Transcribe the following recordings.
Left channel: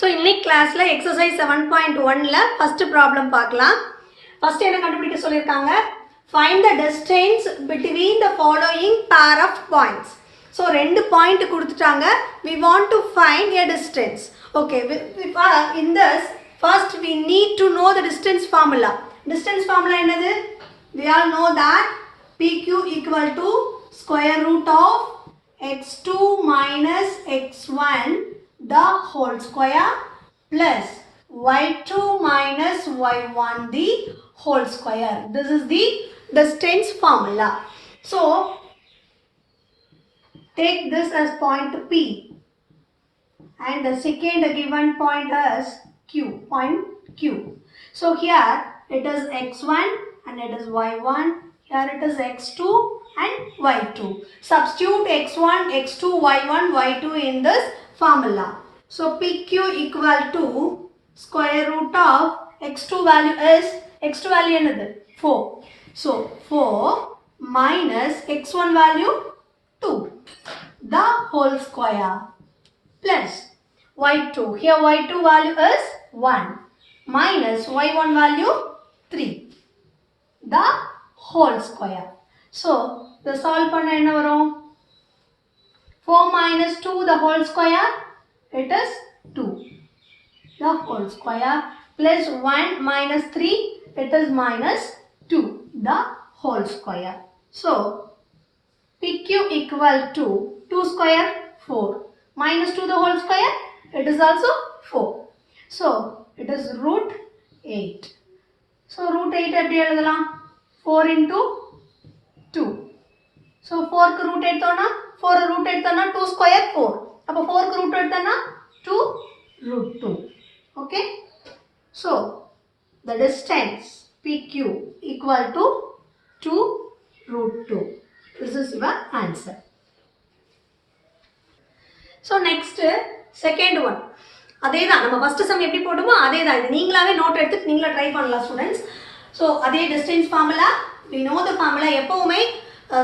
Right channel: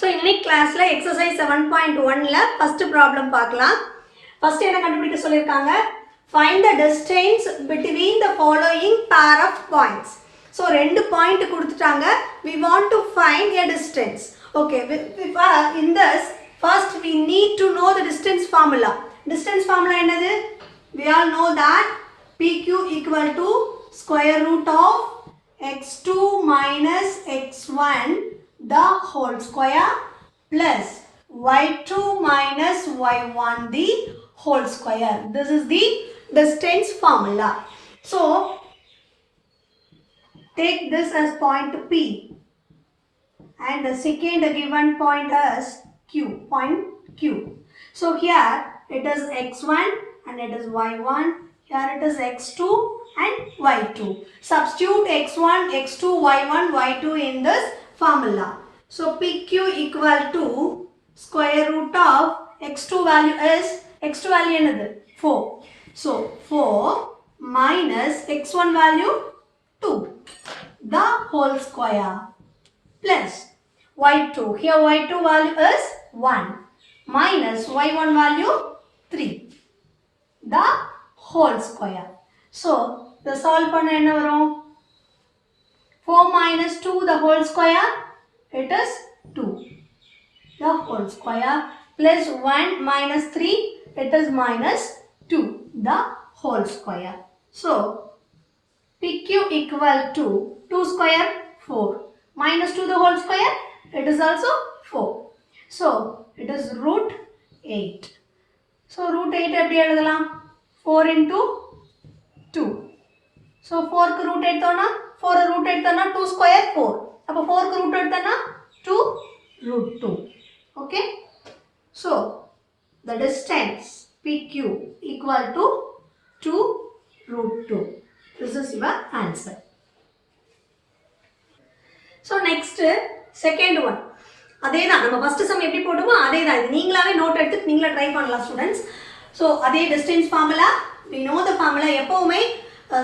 So இன்னைக்கு கிளாஸ்ல exercise 7.1ல first problem பார்க்கலாம். First என்ன கண்டுபிடிக்க சொல்லிருக்காங்க? Find the distance between the following pair of points. So ரெண்டு பாயிண்ட் கொடுத்துட்டாங்க. We want to find a distance. Okay, in this first we need to know the distance formula. Distance formula என்னது? We all know that PQ equal to square root of x2 minus x1 the whole square plus y2 minus y1 the whole square. This is the distance formula. So take this as point P and the second given point as Q, point Q. So here it is x1 and it is y1, here it is x2 and y2. Substitute x1, x2, y1, y2 in this formula. So PQ equal to square root of x2 value is, x2 value another 4. So 4 minus x1 value 2 the whole square plus y2. Here y2 value is 1 minus y1 value 3 the whole square. So the solve panna enna varum? 4 minus 2 the whole square, it is 2 the whole square plus 1 minus 3, it is minus 2 the whole square. So PQ equal to 2 square 4 minus 2 the whole square, it is also 4. So it is root 8. So root 8 எப்படி எழுதலாம்? 4 into 2. So 4 க்கு root எடுத்தோம்னா 4 root எடுத்தோம்னா 2 square 4. அப்போ 4 க்கு root எடுத்தோம்னா 2 root 2. Okay? So the distance PQ equal to 2 root 2. This is your answer. So next second one. அதே தான் நம்ம ஃபர்ஸ்ட் சம் எப்படி போடுமோ அதே தான். இது நீங்களாவே நோட் எடுத்து நீங்களே ட்ரை பண்ணலாம் ஸ்டூடெண்ட்ஸ். ஸோ அதே distance formula, we know the formula. எப்பவுமே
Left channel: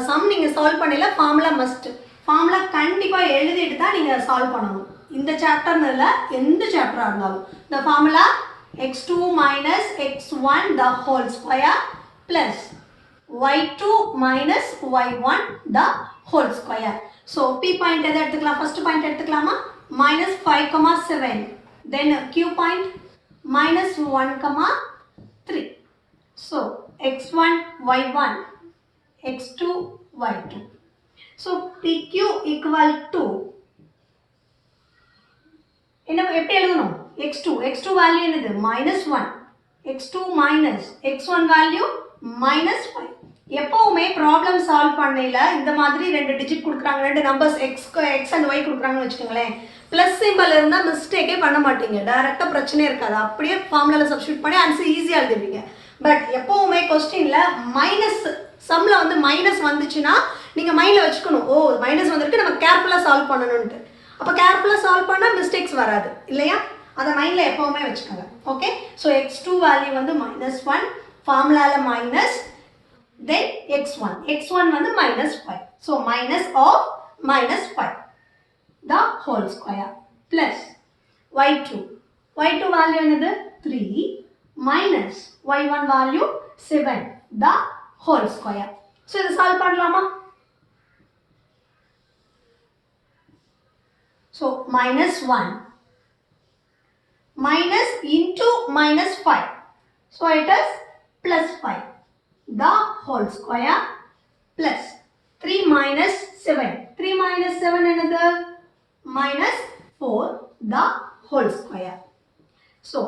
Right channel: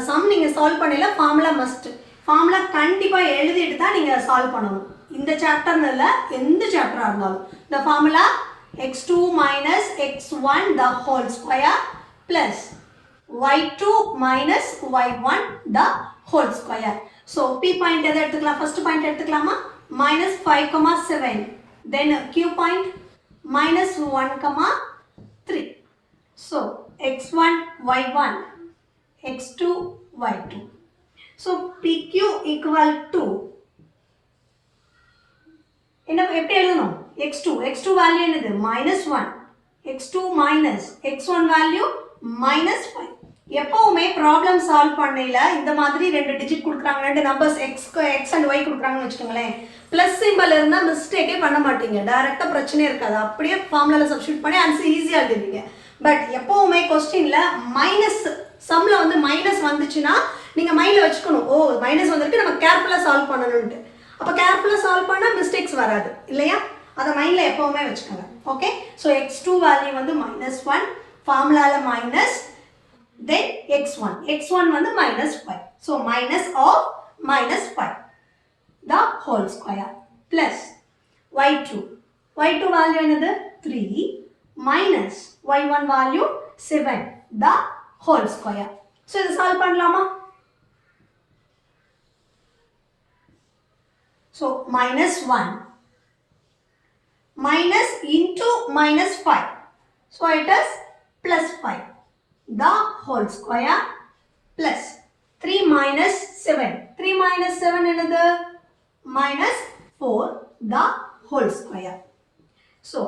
சம் நீங்கள் சால்வ் பண்ணல ஃபார்முலா மஸ்ட். ஃபார்முலா கண்டிப்பாக எழுதிட்டு தான் நீங்கள் சால்வ் பண்ணணும். இந்த சாப்டர்னு இல்லை, எந்த சாப்டராக இருந்தாலும் the formula x2 minus x1 the whole square plus y2 minus y1 the whole square. So P point எதை எடுத்துக்கலாம்? first point எடுத்துக்கலாமா? minus 5,7. Then Q point minus 1,3. So x1 y1 x2 y2. So PQ equal to என்ன எப்படி எழுதணும்? x2 value என்னது? -1. x2 minus x1 value -5. எப்பவுமே problem solve பண்ணையில இந்த மாதிரி ரெண்டு டிஜிட் கொடுக்குறாங்க, ரெண்டு நம்பர்ஸ் x and y கொடுக்குறாங்கன்னு வச்சுக்கோங்களேன், ப்ளஸ் சிம்பிள் இருந்தால் மிஸ்டேக்கே பண்ண மாட்டீங்க, டைரெக்டாக பிரச்சனையே இருக்காது. அப்படியே ஃபார்முலாவில் சப்ஸ்டியூட் பண்ணி ஆன்சர் ஈஸியாக எழுதுவீங்க. பட் எப்போவுமே கொஸ்டினில் மைனஸ் சம்மில் வந்து மைனஸ் வந்துச்சுன்னா நீங்கள் மைண்டில் வச்சுக்கணும், ஓ மைனஸ் வந்துருக்கு, நம்ம கேர்ஃபுல்லாக சால்வ் பண்ணணும்ட்டு. அப்போ கேர்ஃபுல்லாக சால்வ் பண்ணால் மிஸ்டேக்ஸ் வராது இல்லையா? அதை மைண்டில் எப்போவுமே வச்சுக்கோங்க. ஓகே, ஸோ x2 வேல்யூ வந்து -1, ஃபார்முலாவில் மைனஸ், then x1 வந்து -5. So minus of -5 the whole square plus y2 value என்னது? 3 minus y1 value 7 the whole square. So இது சால்வ் பண்ணலாமா? So -1 minus into -5, so it is +5 the whole square plus 3 minus 7. 3 minus 7 என்னது? -4 the whole square. So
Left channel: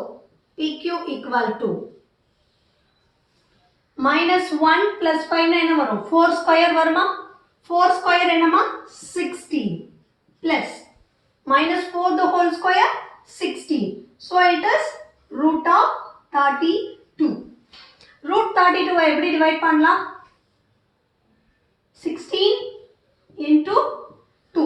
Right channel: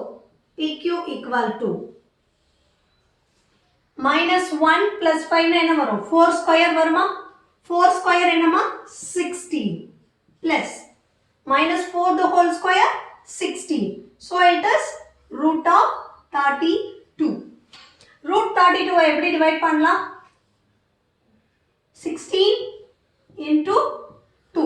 PQ equal to -1 plus 5 என்ன வரும்? 4 square வருமா? 4 square என்னமா? 16 plus -4 the whole square 16. So it is root of 32. root 32 எப்படி டிவைட் பண்ணலாம்? 16 into 2.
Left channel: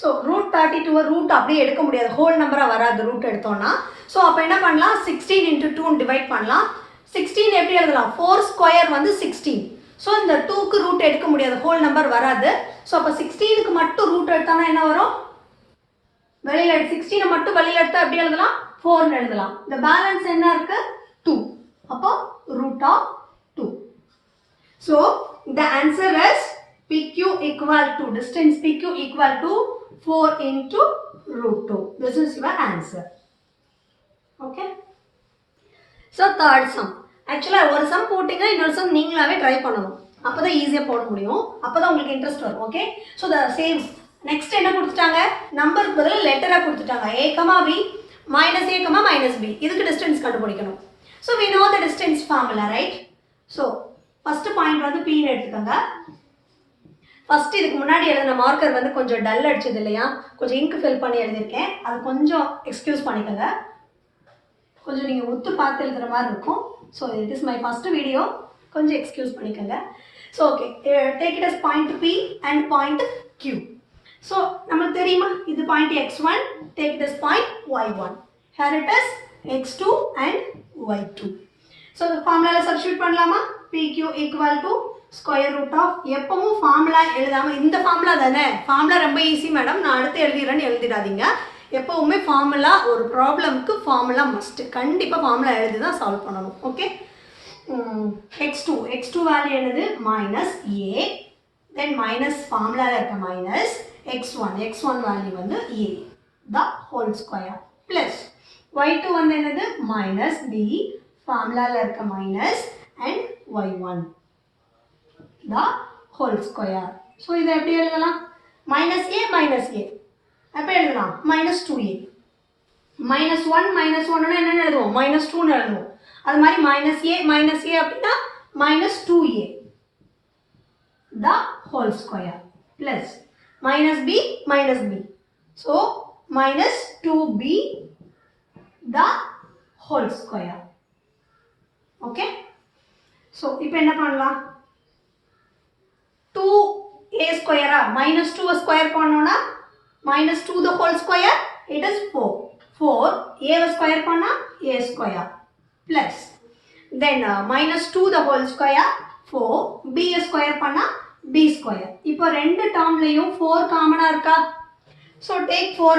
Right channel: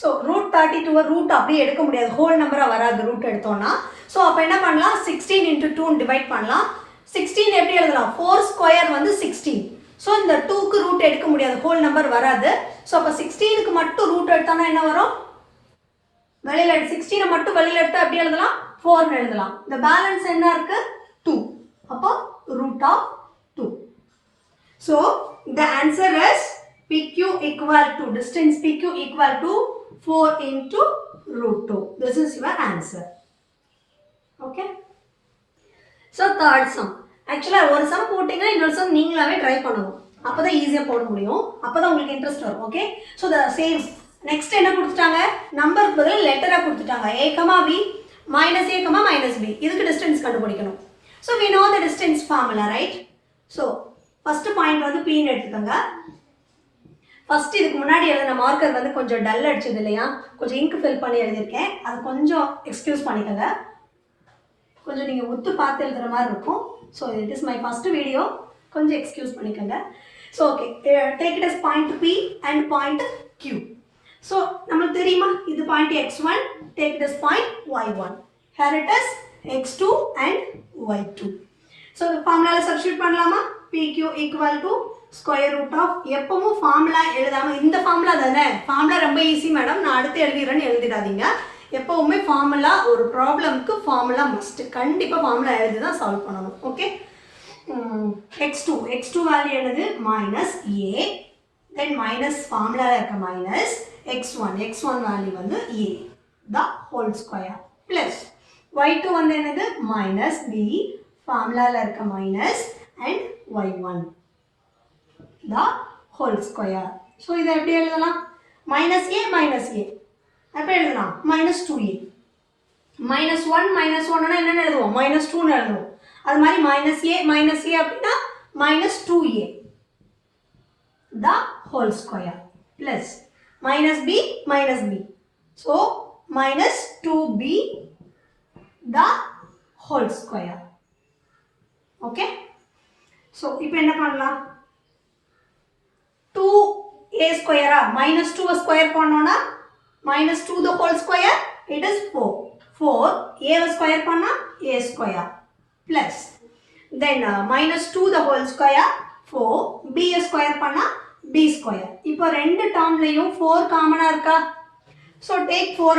So root 32 root அப்படியே எடுக்க முடியாது, ஹோல் நம்பரா வராது ரூட் எடுத்தோம்னா. ஸோ அப்போ என்ன பண்ணலாம்? 16 into 2 டிவைட் பண்ணலாம். 16 எப்படி எழுதலாம்? 4 ஸ்கொயர் வந்து 16. ஸோ இந்த 2க்கு ரூட் எடுக்க முடியாது, ஹோல் நம்பர் வராது. ஸோ அப்போ 16க்கு மட்டும் ரூட் எடுத்தோம்னா என்ன வரும்? வெளியில் 16 மட்டும் வெளியில் எடுத்தால் எப்படி எழுதலாம் 4 எழுதலாம். இந்த பேலன்ஸ் என்ன இருக்கு 2. அப்போ root of 2. So the answer is PQ equal to distance PQ equal to 4 into root 2. This is your answer. Okay. So third sum. Actually ஒரு sum போட்டீங்கன்னா இன்னொரு sum நீங்களாவே ட்ரை பண்ணணும். அப்பதான் ஈஸியா போட முடியும். அப்பதான் உங்களுக்கு இன்ட்ரெஸ்ட் வரும். Okay. So the same. Next என்ன கொடுத்துட்டாங்க? நம்பருக்கு பதிலா லெட்டரா கொடுத்துட்டாங்க. a, b minus a, minus b. இதுக்கு டிஸ்டன்ஸ் கண்டுபிடிக்கணும். So we know the distance formula, right? So first point வந்து p ன்னு எடுத்துக்கோங்க. First இதுக்கு முன்னாடி எழுதின மார்க்கர் வந்து கொஞ்சம் டல் அடிச்சது இல்லையா? கொஞ்சம் இங்க் ஃபில் பண்ணி எழுதிருக்கேன். அது கொஞ்சம் எக்ஸ்கியூஸ் பண்ணிக்கோங்க. கொஞ்சம் நீங்கள் ஒத்து பார்த்து எழுதுகிற மாதிரி இருக்கும். So it is my first video, கொஞ்சம் எக்ஸ்கியூஸ் பண்ணிக்கோங்க. So okay, take it as point P and point Q. So நம்மளுக்கு தெரியுமா இது point x1, take it as point y1, here it as x2 and y2. So ஃபார்முலாவில் substitute பண்ணலாமா? pq equal to square root of, எப்பவும் formula எழுதாமல், இந்த ஃபார்முலா தானே, ஃபார்முலா ரொம்ப ஈஸி மேடம் நான் அடுத்து எழுதிடுறேன்னு எழுதிடாதீங்க. எப்பவுமே ஃபார்முலா, ஒரு ப்ராப்ளம்க்கு ஃபார்முலா மஸ்ட், கண்டிப்பாக ஃபார்முலா எழுதி தான் சால்வ் பண்ணணும். ஓகே. x2 வேல்யூ என்னது மைனஸ் ஏ, தென் மைனஸ் ஃபார்முலாவில் இருக்க மைனஸ் x1 வேல்யூ வந்து A the whole square plus y2 வந்து என்னது மைனஸ் பி, ஃபார்முலாவில் இருக்க minus and y1 the whole square. So இதை எப்படி எழுதலாம்? மைனஸ் ஏ அப்போ எழுதலாம் மைனஸ் 2a. -1 என்னென்னு எழுதுவோம் -2ன்னு எழுதுவோம். அது மாதிரி மைனஸ் ஏ அப்படின்னா -2a the whole square plus minus B so -2b the whole square. Okay. So இப்போ என்ன பண்ணலாம்? 2a ஸ்கொயரா -2 ஸ்கொயர் பண்ணோன்னா -2 the whole square, it is 4 a square பண்ணா a square plus then -2 the whole square 4 b square பண்ணா b square. இப்போ ரெண்டு டேர்ம்லயும் 4 காமனா இருக்கா? so take 4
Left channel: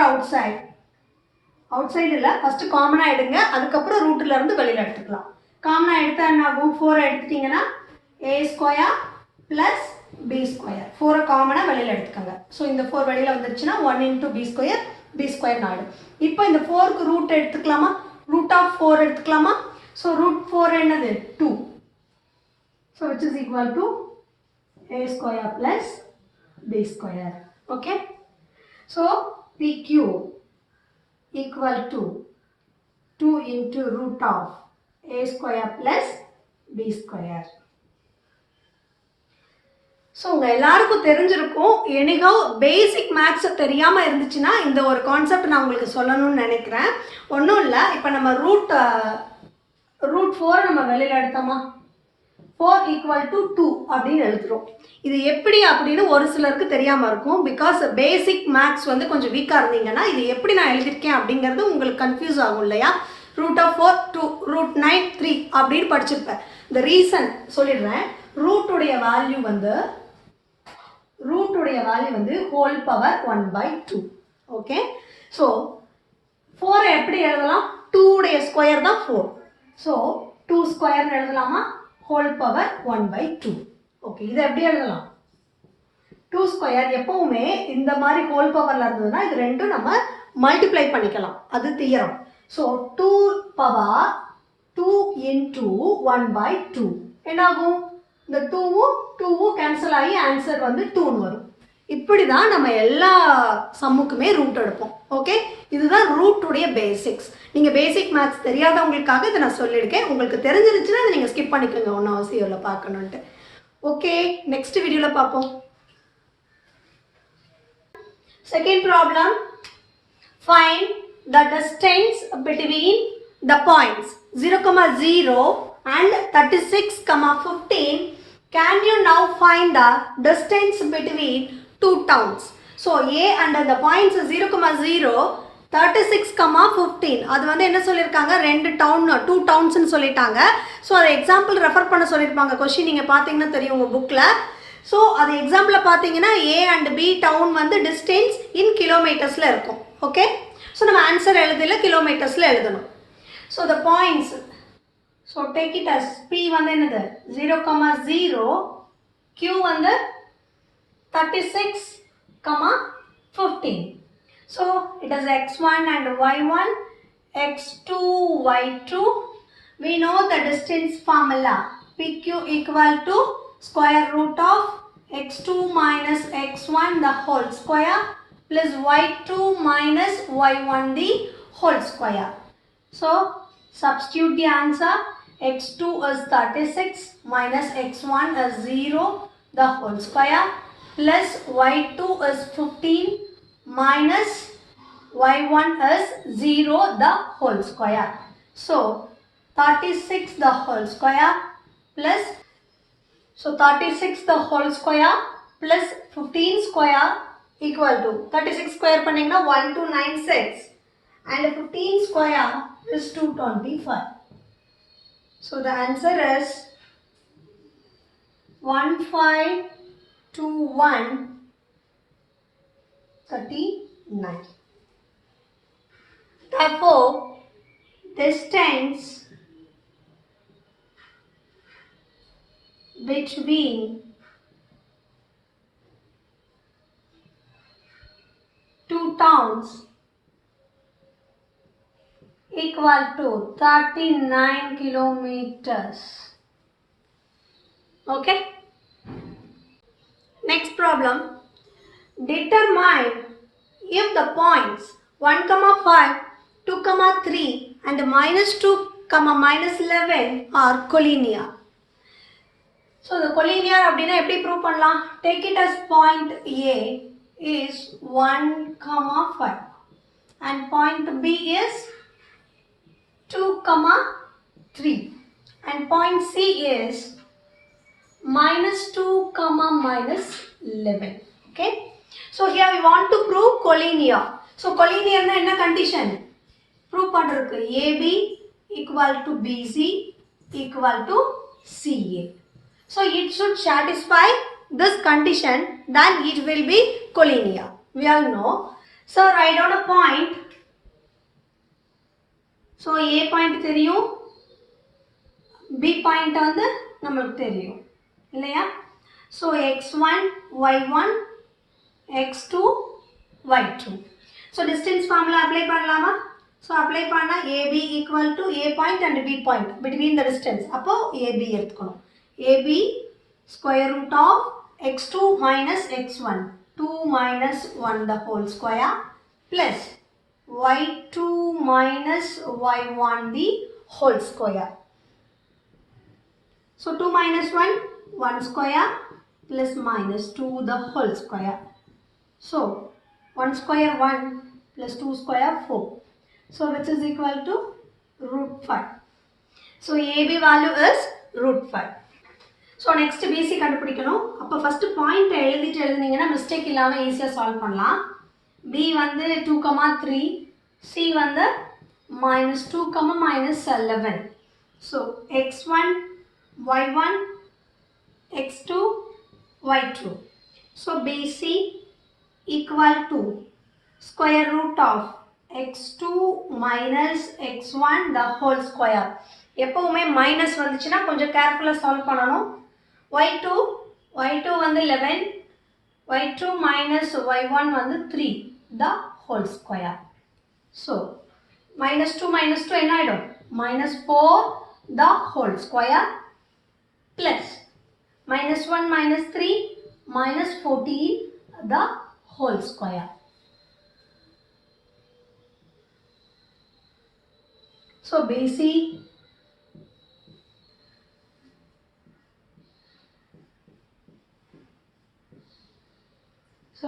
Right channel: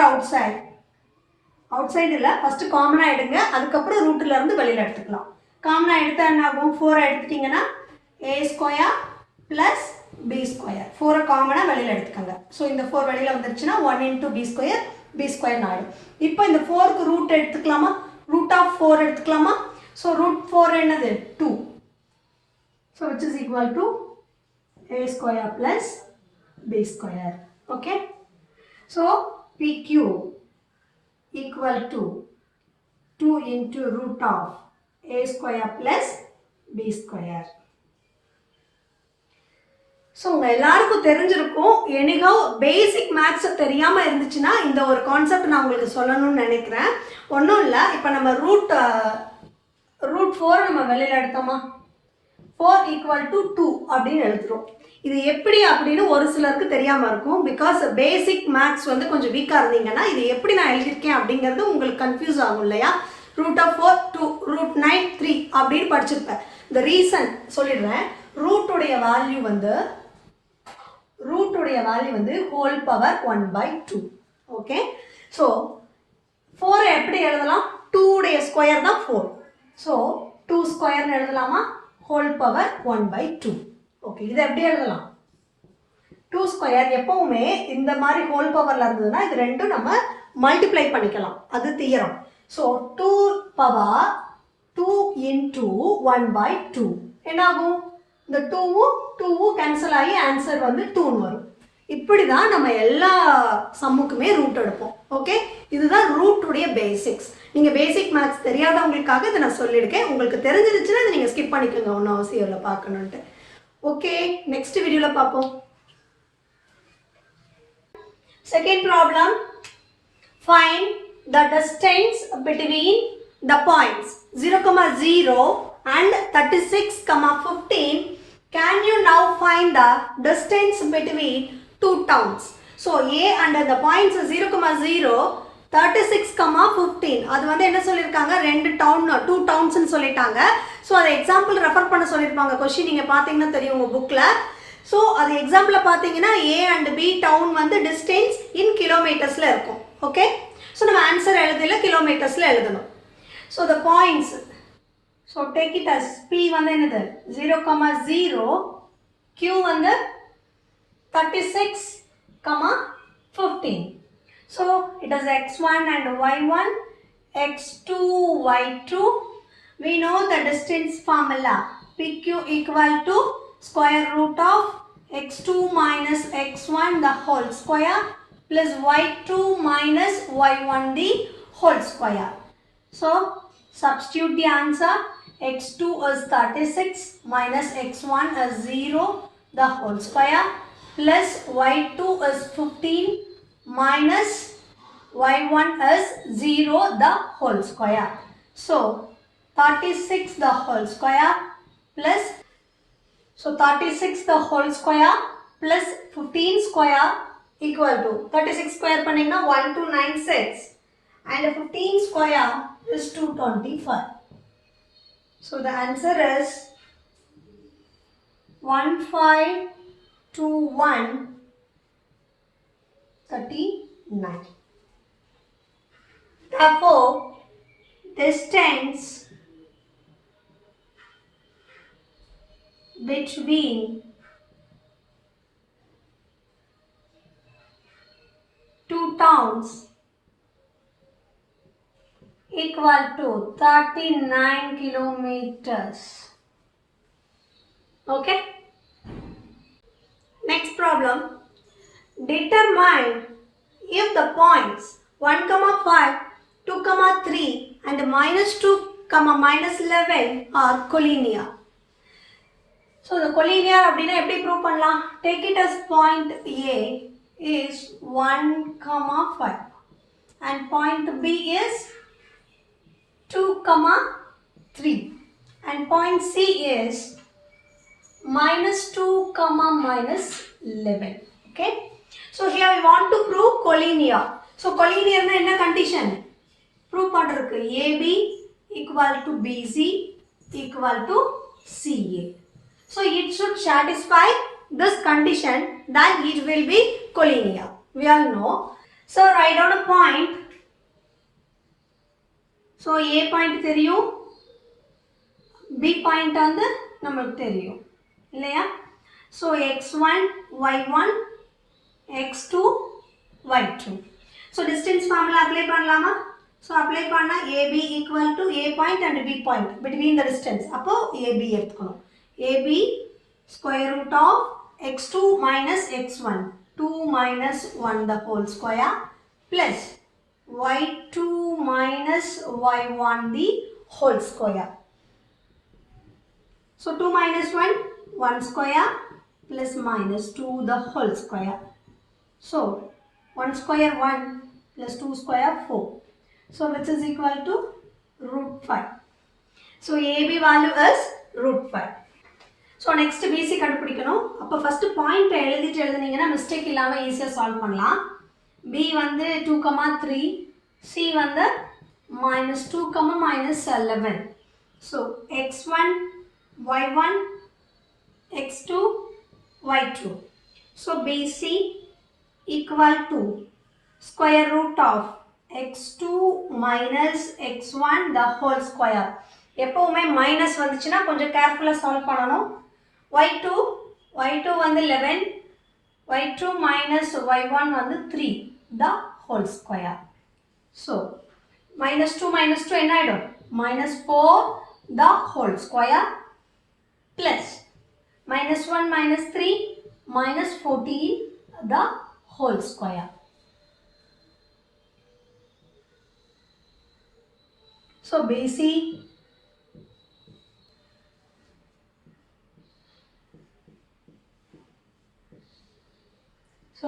outside இல்ல, ஃபர்ஸ்ட் காமனா எடுங்க, அதுக்கப்புறம் ரூட்ல இருந்து வெளியில எடுத்துக்கலாம். காமனா எடுத்தா என்ன ஆகும்? 4 எடுத்துட்டீங்கன்னா a square plus b square, 4 காமனா வெளியில எடுத்துக்கங்க. ஸோ இந்த 4 வெளியில வந்துருச்சுன்னா 1 into b square ஆயிடும். இப்போ இந்த 4க்கு ரூட் எடுத்துக்கலாமா? ரூட் ஆஃப் 4 எடுத்துக்கலாமா? ஸோ ரூட் 4 என்னது 2. So which is equal to a square plus b square. Okay. So pq equal to 2 into root of a square plus b square. So உங்கள் எல்லாருக்கும் தெரிஞ்சிருக்கும். எனிகோ பேசிக் மேக்ஸ் தெரியாமல் இருந்துச்சுன்னா இந்த ஒரு கான்செப்ட் நான் உங்களுக்கு சொல்லணும்னு நினைக்கிறேன். ஒன்றும் இல்லை, இப்போ நம்ம ரூட் 4 நம்ம வெளியில் எடுத்தோமா 4 ஈக்குவல் டு 2 அப்படின்னு எழுதுகிறோம். இது எப்படி அப்படின்னு ஒரு சிலருக்கு தெரியாமல் இருக்கும். பிகாஸ் பேசிக் மேக்ஸ் வந்து கொஞ்சம் வீக்காக இருந்தீங்கன்னா இது எப்படி நான் எழுதியிருக்கேன் அப்படிங்கிறது உங்களுக்கு கன்ஃபியூஸ் ஆகும் இல்லையா? ரூட் ஆஃப் 4 2 ரூட் 9 3 அப்படின்னு படிச்சிருப்பேன். இந்த ரீசன் சொல்லிடுறேன். ரூட்டுடைய வேல்யூ வந்து ஹோல் பவர் 1/2. ஓகே. ஸோ 4 எப்படி எழுதலாம்? 2 உடைய ஸ்கொயர் தான் 4. ஸோ 2 ஸ்கொயர்னு எழுதலாமா? Whole power 1/2. ஓகே. இதை எப்படி எழுதலாம்? 2 ஸ்கொயர் எப்பவுமே இந்த மாதிரி ஹோல் பவரில் இருந்ததுன்னா இது ரெண்டும் நம்ம மல்டிப்ளை பண்ணிக்கலாம், அது தியரம். ஸோ 2 பவர் 2 into 1/2 என்னாகும்? இந்த 2வும் கேன்சல் ஆகி ஆன்சர் வந்து 2ன்னு வரும். இப்படி தான் நம்ம எல்லா சம்முக்குமே ரூட் எடுப்போம். ஓகே. இதுதான் ரூட்டுடைய பேசிக்ஸ். நீங்கள் பேசிக் மேக்ஸ் தெரியாதவங்களுக்காக இதை நான் சொல்லியிருக்கேன். உங்களுக்கு தெரிஞ்சிருச்சுன்னா அதை நீங்கள் ஸ்கிப் பண்ணிக்கோங்க, ஒன்றும் அவசியம் இல்லை பார்க்கணுன்ட்டு. ஓகே, நெக்ஸ்ட் வீடியோவில் பார்ப்போம். Second problem, find the distance between the points 0,0 and 36,15. Can you now find the distance between two towns? So A and the points 0,0 36,15. அது வந்து என்ன சொல்லியிருக்காங்க? ரெண்டு டவுன் 2 டவுன்ஸ்னு சொல்லிட்டாங்க. ஸோ அதை எக்ஸாம்பிள் ரெஃபர் பண்ண சொல்லியிருப்பாங்க. கொஸ்டின் நீங்கள் பார்த்தீங்கன்னா தெரியும் உங்கள் புக்கில். ஸோ அது எக்ஸாம்பிளில் பார்த்தீங்கன்னா A and B டவுன் வந்து டிஸ்டன்ஸ் இன் கிலோமீட்டர்ஸில் இருக்கும். Okay, so நம்ம answer எழுதல kilometersல எழுதணும். So the points, so take it as P வந்து என்னது 0,0, Q வந்து 36, 15. So it is x1 and y1, x2, y2. We know the distance formula. PQ equal to square root of x2 minus x1 the whole square plus y2 minus y1 the whole square. So substitute the answer. X2 is 36 minus x1 is 0 the whole square plus y2 is 15 minus y1 is 0 the whole square. So 36 the whole square plus, so 36 the whole square plus 15 square equal to 36 square பண்ணீங்கன்னா 1296 and 15 square is 225. So the answer is 152139. Therefore, distance between two towns equal to 39 kilometers. Okay. Next problem. Determine if the points 1, 5, 2, 3 and -2, -11 are collinear. So the collinear அப்படினா எப்படி prove பண்ணலாம்? Take it as point A is 1, 5 and point B is 2, 3 and point C is -2, -11. Okay. So here we want to prove collinear. So collinear na enna condition? Prove பண்றதுக்கு AB equal to BC equal to CA. So it should satisfy this condition, then it will be collinear. We all know. So write down a point. So A point தெரியும், B point வந்து நமக்கு தெரியும் இல்லையா? So x1, y1, x2, y2. So distance formula apply பண்ணலாமா? So apply பண்ணா AB equal to A point and B point between the distance. அப்போ AB எடுத்துக்கணும். AB square root of x2 minus x1, 2 minus 1 the whole square plus y2 minus y1 the whole square. So 2 minus 1, 1 square plus minus 2 the whole square. So 1 square 1 plus 2 square 4. So which is equal to root 5. So AB value is root 5. So next BC கண்டுபிடிக்கணும். அப்போ first point எழுதினீங்கன்னா mistake இல்லாம ஈஸியா சால்வ் பண்ணலாம். B வந்து 2, 3, C வந்து -2, -11. So x1, y1, x2, y2. So BC equal to square root of x2 minus x1 the whole square. எப்பவுமே minus வந்துச்சுன்னா கொஞ்சம் கேர்ஃபுல்லா சால்வ் பண்ணணும். y2 வந்து 11, y2 minus y1 வந்து 3 the whole square. So -2 என்ன ஆயிடும்? -4 the whole square plus -1 -3 -14 the whole square. So BC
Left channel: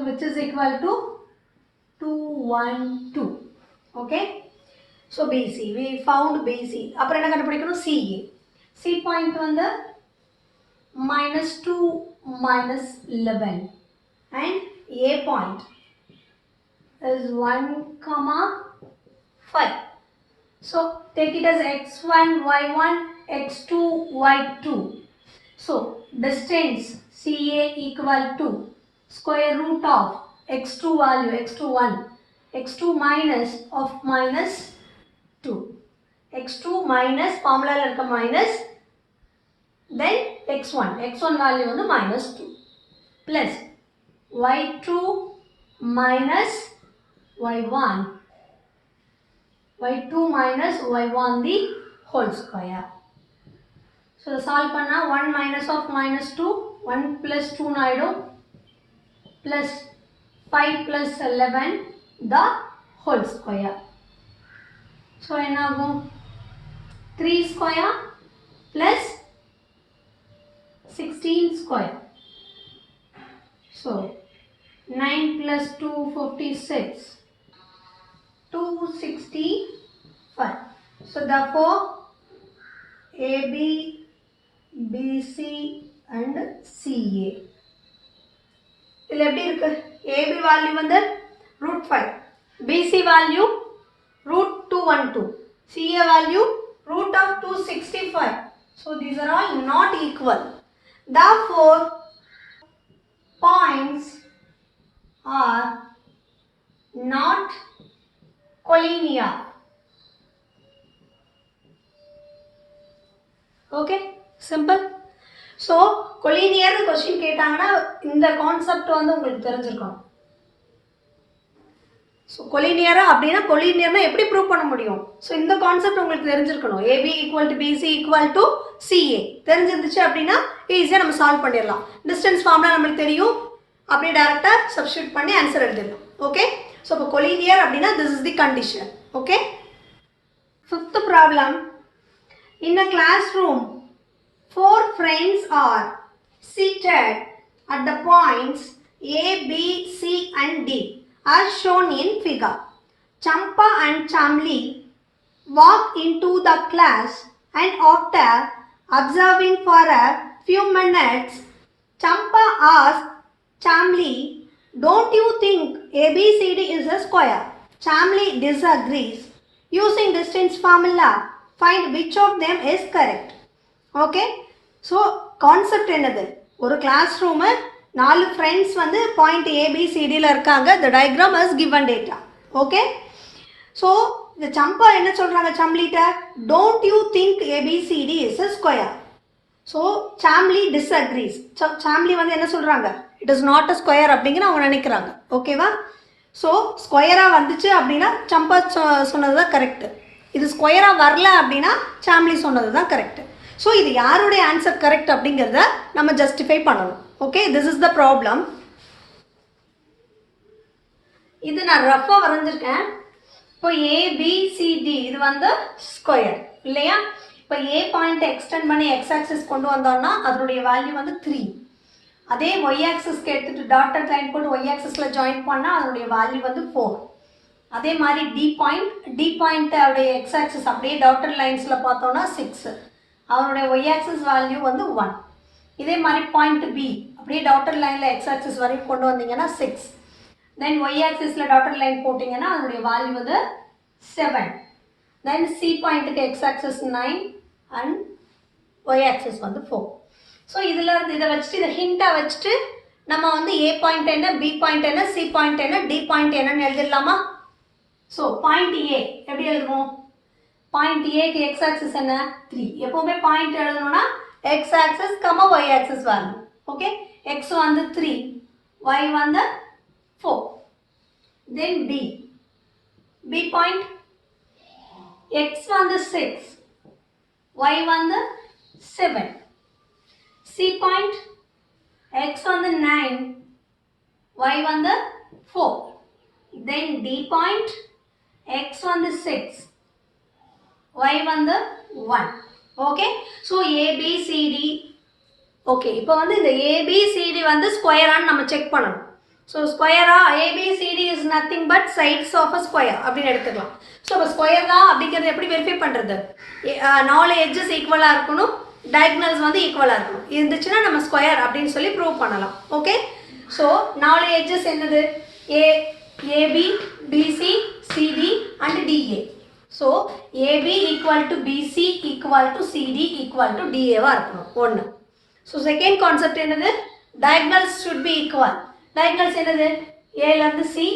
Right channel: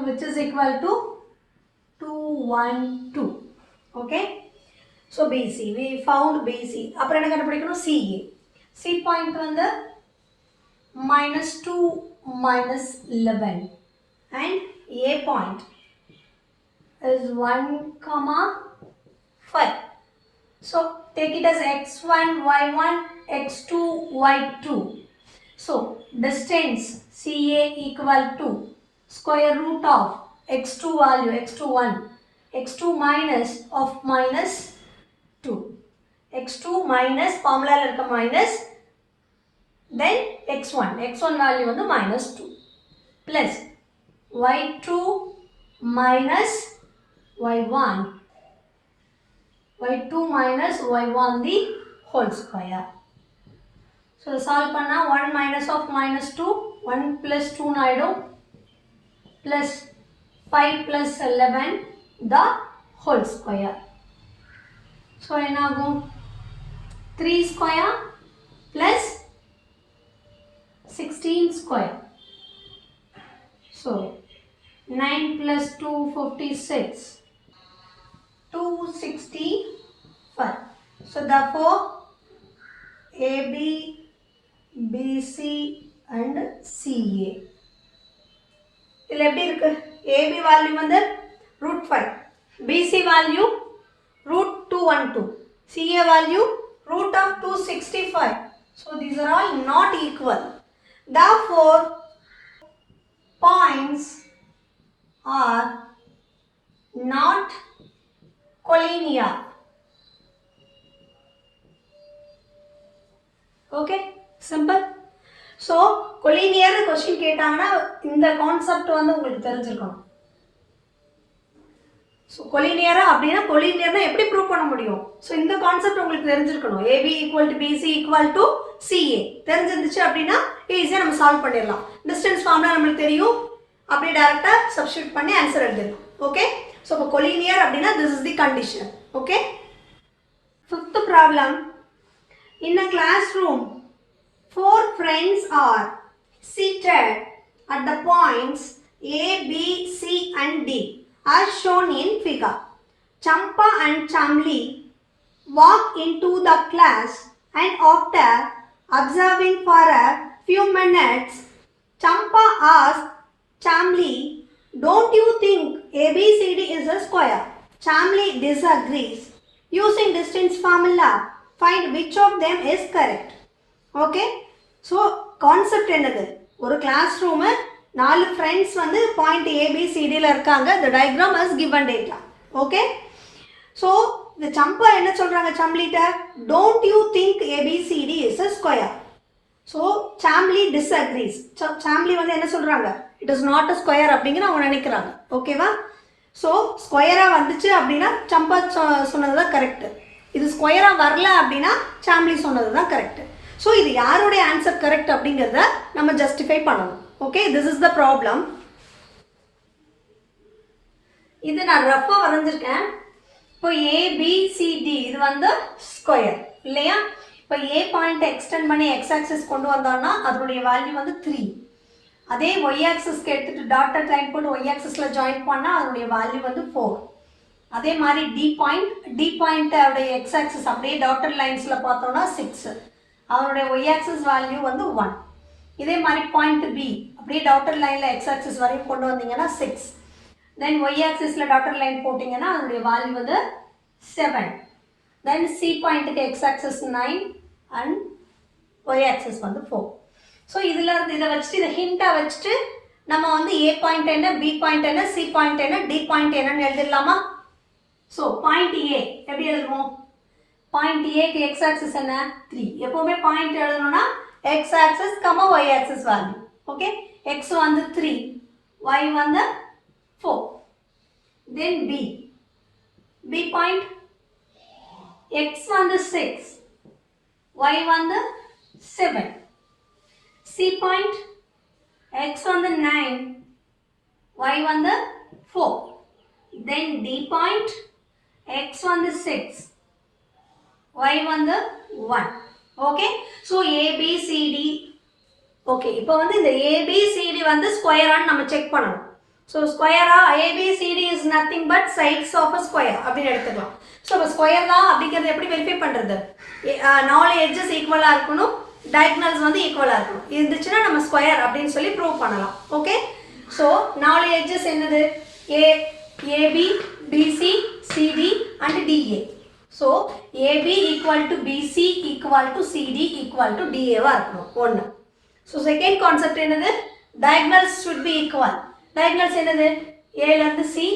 which is equal to 212. Okay. So BC we found BC. அப்புறம் என்ன கண்டுபிடிக்கணும்? CA. C point வந்து -2 -11 and A point is 1, 5. So take it as x1, y1, x2, y2. So distance CA equal to square root of x2 value, x2 1 x2 minus of minus 2. x2 minus formula irukka minus, then x1 value வந்து minus 2 plus y2 minus y1 minus y1 the whole square. So solve பண்ணா 1 minus of minus 2 1 plus 2 நாயிடும் plus 5 plus 11 the whole square. So என்னாகும் 3 square plus 16 square. So 9 plus 2 56 265. So therefore AB, BC and CA. இதில் எப்படி இருக்கு? AB value வந்து root 5, BC value root 212, CA value root of 265. So these are all not equal. Therefore points are not collinear. Okay, simple. So collinear question கேட்டாங்கன்னா இந்த கான்செப்ட் வந்து உங்களுக்கு தெரிஞ்சிருக்கணும். ஸோ கொலினியரா அப்படின்னா கொலினியர்னா எப்படி ப்ரூவ் பண்ண முடியும்? ஸோ இந்த கான்செப்ட் உங்களுக்கு தெரிஞ்சிருக்கணும். AB equal to BC equal to CA தெரிஞ்சிருந்துச்சு அப்படின்னா ஈஸியாக நம்ம சால்வ் பண்ணிடலாம். டிஸ்டன்ஸ் ஃபார்ம்லாம் நம்மளுக்கு தெரியும், அப்படியே டேரெக்டாக சப்ஸ்டியூட் பண்ணி ஆன்சர் எழுதிடும். ஓகே, ஸோ இப்போ கொலினியர் அப்படின்னா this is the condition. Okay, fifth problem. In a classroom 4 friends are seated at the points A, B, C and D as shown in figure. Champa and Chamli walk into the class and after observing for a few minutes, Champa asks Chamli, "Don't you think ABCD is a square?" Chamli disagrees. Using distance formula, find which of them is correct. Okay, so concept என்னது? ஒரு classroom 4 friends வந்து point ஏபிசிடியில் இருக்காங்க. The diagram is given data. Okay, so இந்த சம்பா என்ன சொல்கிறாங்க சாம்லிட்ட? Don't you think ABCD is a square. So Chameli disagrees. Chameli வந்து என்ன சொல்கிறாங்க? It is not a square அப்படிங்கிற அவங்க நினைக்கிறாங்க. ஓகேவா? ஸோ ஸ்கொயராக வந்துச்சு அப்படின்னா சம்பா சொன்னது தான் கரெக்டு. இது ஸ்கொயராக வரல அப்படின்னா சாம்லி சொன்னது தான் கரெக்டு. ஸோ இது யாருடைய ஆன்சர் கரெக்ட் அப்படிங்கிறத நம்ம ஜஸ்டிஃபை பண்ணணும். Okay, this is the problem. இது நான் ரஃபாக வரைஞ்சிருக்கேன். இப்போ ஏபிசிடி இது வந்து ஸ்கொயர் இல்லையா? இப்போ ஏ பாயிண்ட் எக்ஸ்டெண்ட் பண்ணி எக்ஸ் ஆக்சிஸ் கொண்டு வந்தோம்னா அதனுடைய வேல்யூ வந்து 3. அதே ஒய் ஆக்சிஸ்க்கு எடுத்துகிட்டு டாட்டட் லைன் போட்டு ஒய் ஆக்சிஸில் ஜாயின் பண்ணால் அதனுடைய வேல்யூ வந்து 4. அதே மாதிரி டி பாயிண்ட் அவருடைய எக்ஸ் ஆக்சிஸ் அப்படியே டாட்டட் லைன்ஸில் பார்த்தோம்னா 6. அவருடைய ஒய் ஆக்சிஸ் வேல்யூ வந்து 1. இதே மாதிரி பாயிண்ட் பி அப்படியே டாட்டட் லைனில் எக்ஸ் ஆக்சிஸ் வரைக்கும் கொண்டு வந்தீங்கன்னா 6. தென் ஒய் ஆக்சிஸில் டாட்டட் லைன் போட்டிங்கன்னா அதனுடைய வேல்யூ வந்து 7. தென் சி பாயிண்ட்டுக்கு X axis 9 and Y axis வந்து 4. ஸோ இதில் இதை வச்சுட்டு இதை ஹிண்ட்டாக வச்சுட்டு நம்ம வந்து ஏ பாயிண்ட் என்ன, பி பாயிண்ட் என்ன, சி பாயிண்ட் என்ன, டி பாயிண்ட் என்னன்னு எழுதிடலாமா? ஸோ பாயிண்ட் ஏ எப்படி எழுதுவோம்? பாயிண்ட் ஏக்கு எக்ஸ் ஆக்சிஸ் என்ன? 3. எப்போவுமே பாயிண்ட் எழுதணும்னா எக்ஸ் ஆக்சிஸ் கம்மா ஒய் ஆக்சிஸ் வரணும். ஓகே, எக்ஸ் வந்து 3, ஒய் வந்து 4. தென் பி பாயிண்ட் எக்ஸ் வந்து 6, ஒய் வந்து 7. சி பாயிண்ட் எக்ஸ் வந்து 9, ஒய் வந்து 4. தென் டி பாயிண்ட் எக்ஸ் வந்து 6, y வந்து 1. Okay, so ABCD. ஓகே, இப்போ வந்து இந்த ஏபிசிடி வந்து ஸ்கொயரான்னு நம்ம செக் பண்ணணும். ஸோ ஸ்கொயரா ABCD is nothing but sides of a square அப்படின்னு எடுத்துக்கலாம். ஸோ இப்போ ஸ்கொயர் தான் அப்படிங்கிறத எப்படி வெரிஃபை பண்ணுறது? 4 எட்ஜஸ் ஈக்குவலாக இருக்கணும், டயக்னல்ஸ் வந்து ஈக்குவலாக இருக்கணும். இருந்துச்சுன்னா நம்ம ஸ்கொயர் அப்படின்னு சொல்லி ப்ரூவ் பண்ணலாம். ஓகே, ஸோ 4 எட்ஜஸ் என்னது? AB, BC, CD and DA. So AB equal to BC equal to CD equal to DA வா இருக்கணும் 1. So second concept என்னது? Diagonals should be equal. Diagonals என்னது? A ல இருந்து C,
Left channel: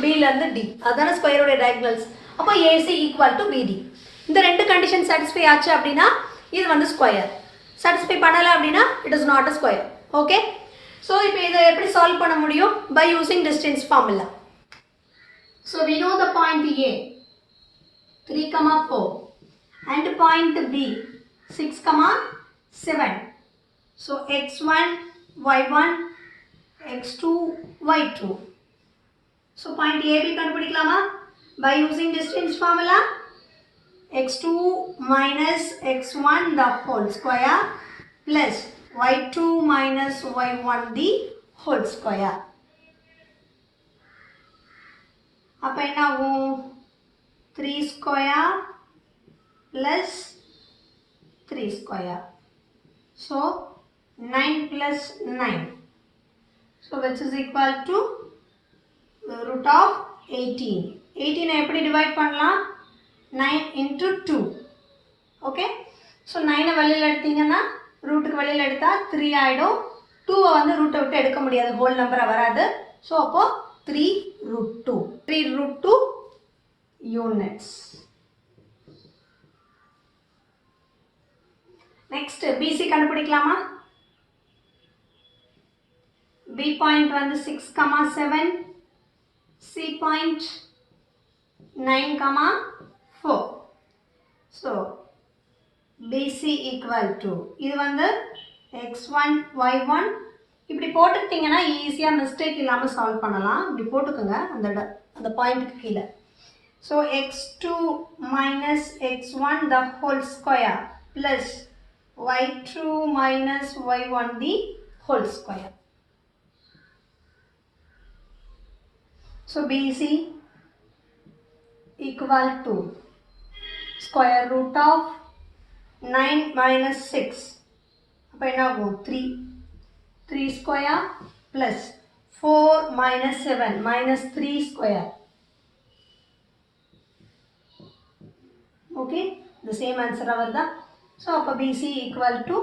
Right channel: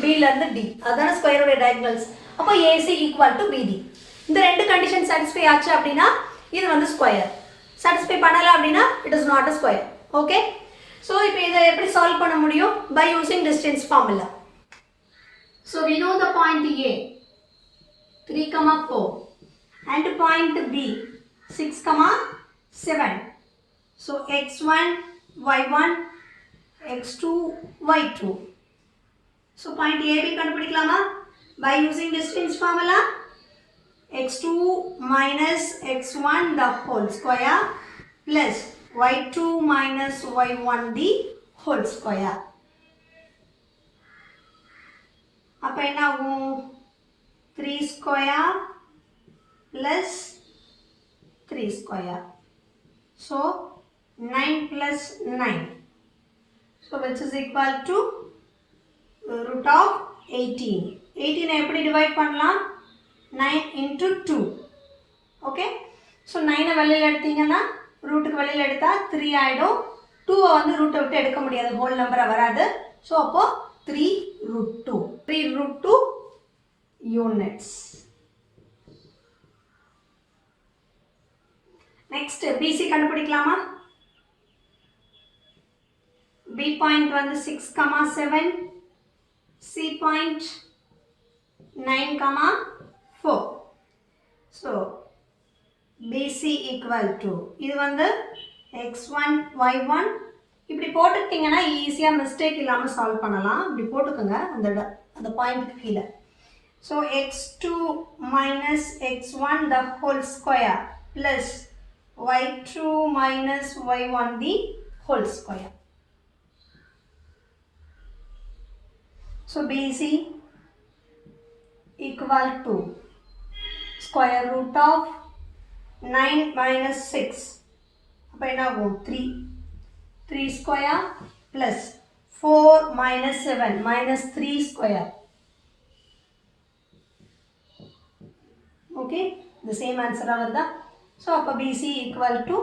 B ல இருந்து D அதான ஸ்கொயர் உடைய diagonals அப்போ AC equal to BD இந்த ரெண்டு கண்டிஷன் satisfy ஆச்சு அப்படினா இது வந்து ஸ்கொயர் satisfy பண்ணல அப்படினா it is not a square okay so இப்போ இதை எப்படி சால்வ் பண்ண முடியும் by using distance formula so we know the point A 3 4 and point B 6 7 so x1 y1 x2 y2 so point AB கண்டுபிடிக்கலாமா by using distance formula x2 minus x1 the whole square plus y2 minus y1 the whole square அப்ப என்ன ஆகும் 3 square plus 3 square so 9 plus 9 so which is equal to root of 18 18 எப்படி டிவைட் பண்ணலாம் 9 into 2 okay so 9 வெளியில எடுத்தீங்கன்னா ரூட்டுக்கு வெளியில எடுத்தா 3 ஆயிடும் 2 வந்து ரூட்டை விட்டு எடுக்க முடியாது ஹோல் நம்பரா வராது so அப்போ 3 root 2 3 root 2 units next BC கண்டுபிடிக்கலாமா B point வந்து 6 7 C point 9 4 so BC equal to இது வந்து x1 y1 இப்படி போட்டுக்கிட்டீங்கன்னா ஈஸியா மிஸ்டேக் இல்லாம சால்வ் பண்ணலாம் இப்படி போட்டுக்கங்க அந்த பாயிண்ட்க்கு கீழ so x2 minus x1 the whole square plus y2 minus y1 the whole square so BC equal to square root of 9 minus 6 அப்ப என்ன ஆகும் 3 square plus 4 minus 7 minus 3 square okay the same answer வருதா so அப்ப BC equal to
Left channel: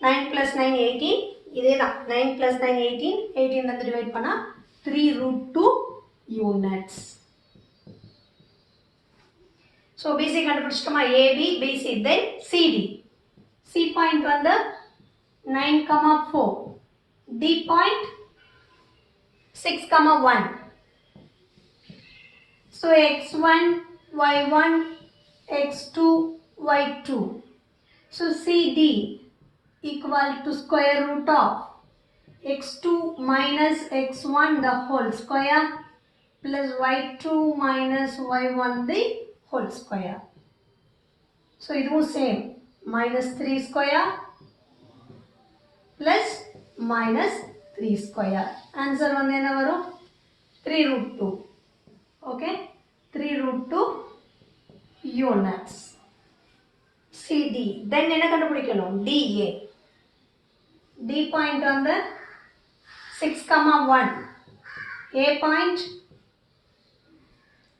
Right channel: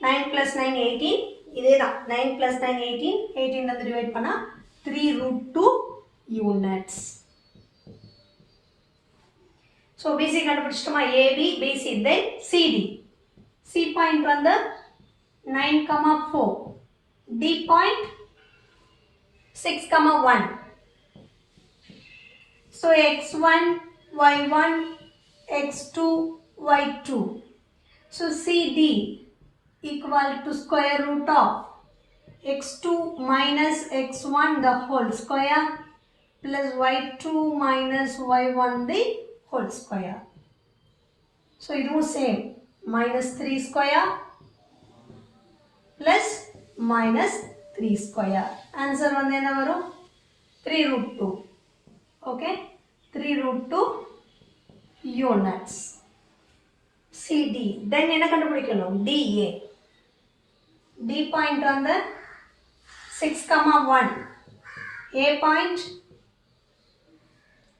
9 plus 9 18 இதேதான் 9 plus 9 18 18 வந்து டிவைட் பண்ணா 3 root 2 units so BC கண்டுபிடிச்சிட்டோமா AB BC then CD C point வந்து 9 4 D point 6 1 so x1 y1 x2 y2 so CD equal to square root of x2 minus x1 the whole square plus y2 minus y1 the whole square so இதுவும் same minus 3 square plus minus 3 square answer வந்து என்ன வரும் 3 root 2 okay 3 root 2 units CD then என்ன கண்டுபிடிக்கணும் DA D point வந்து 6 1 A point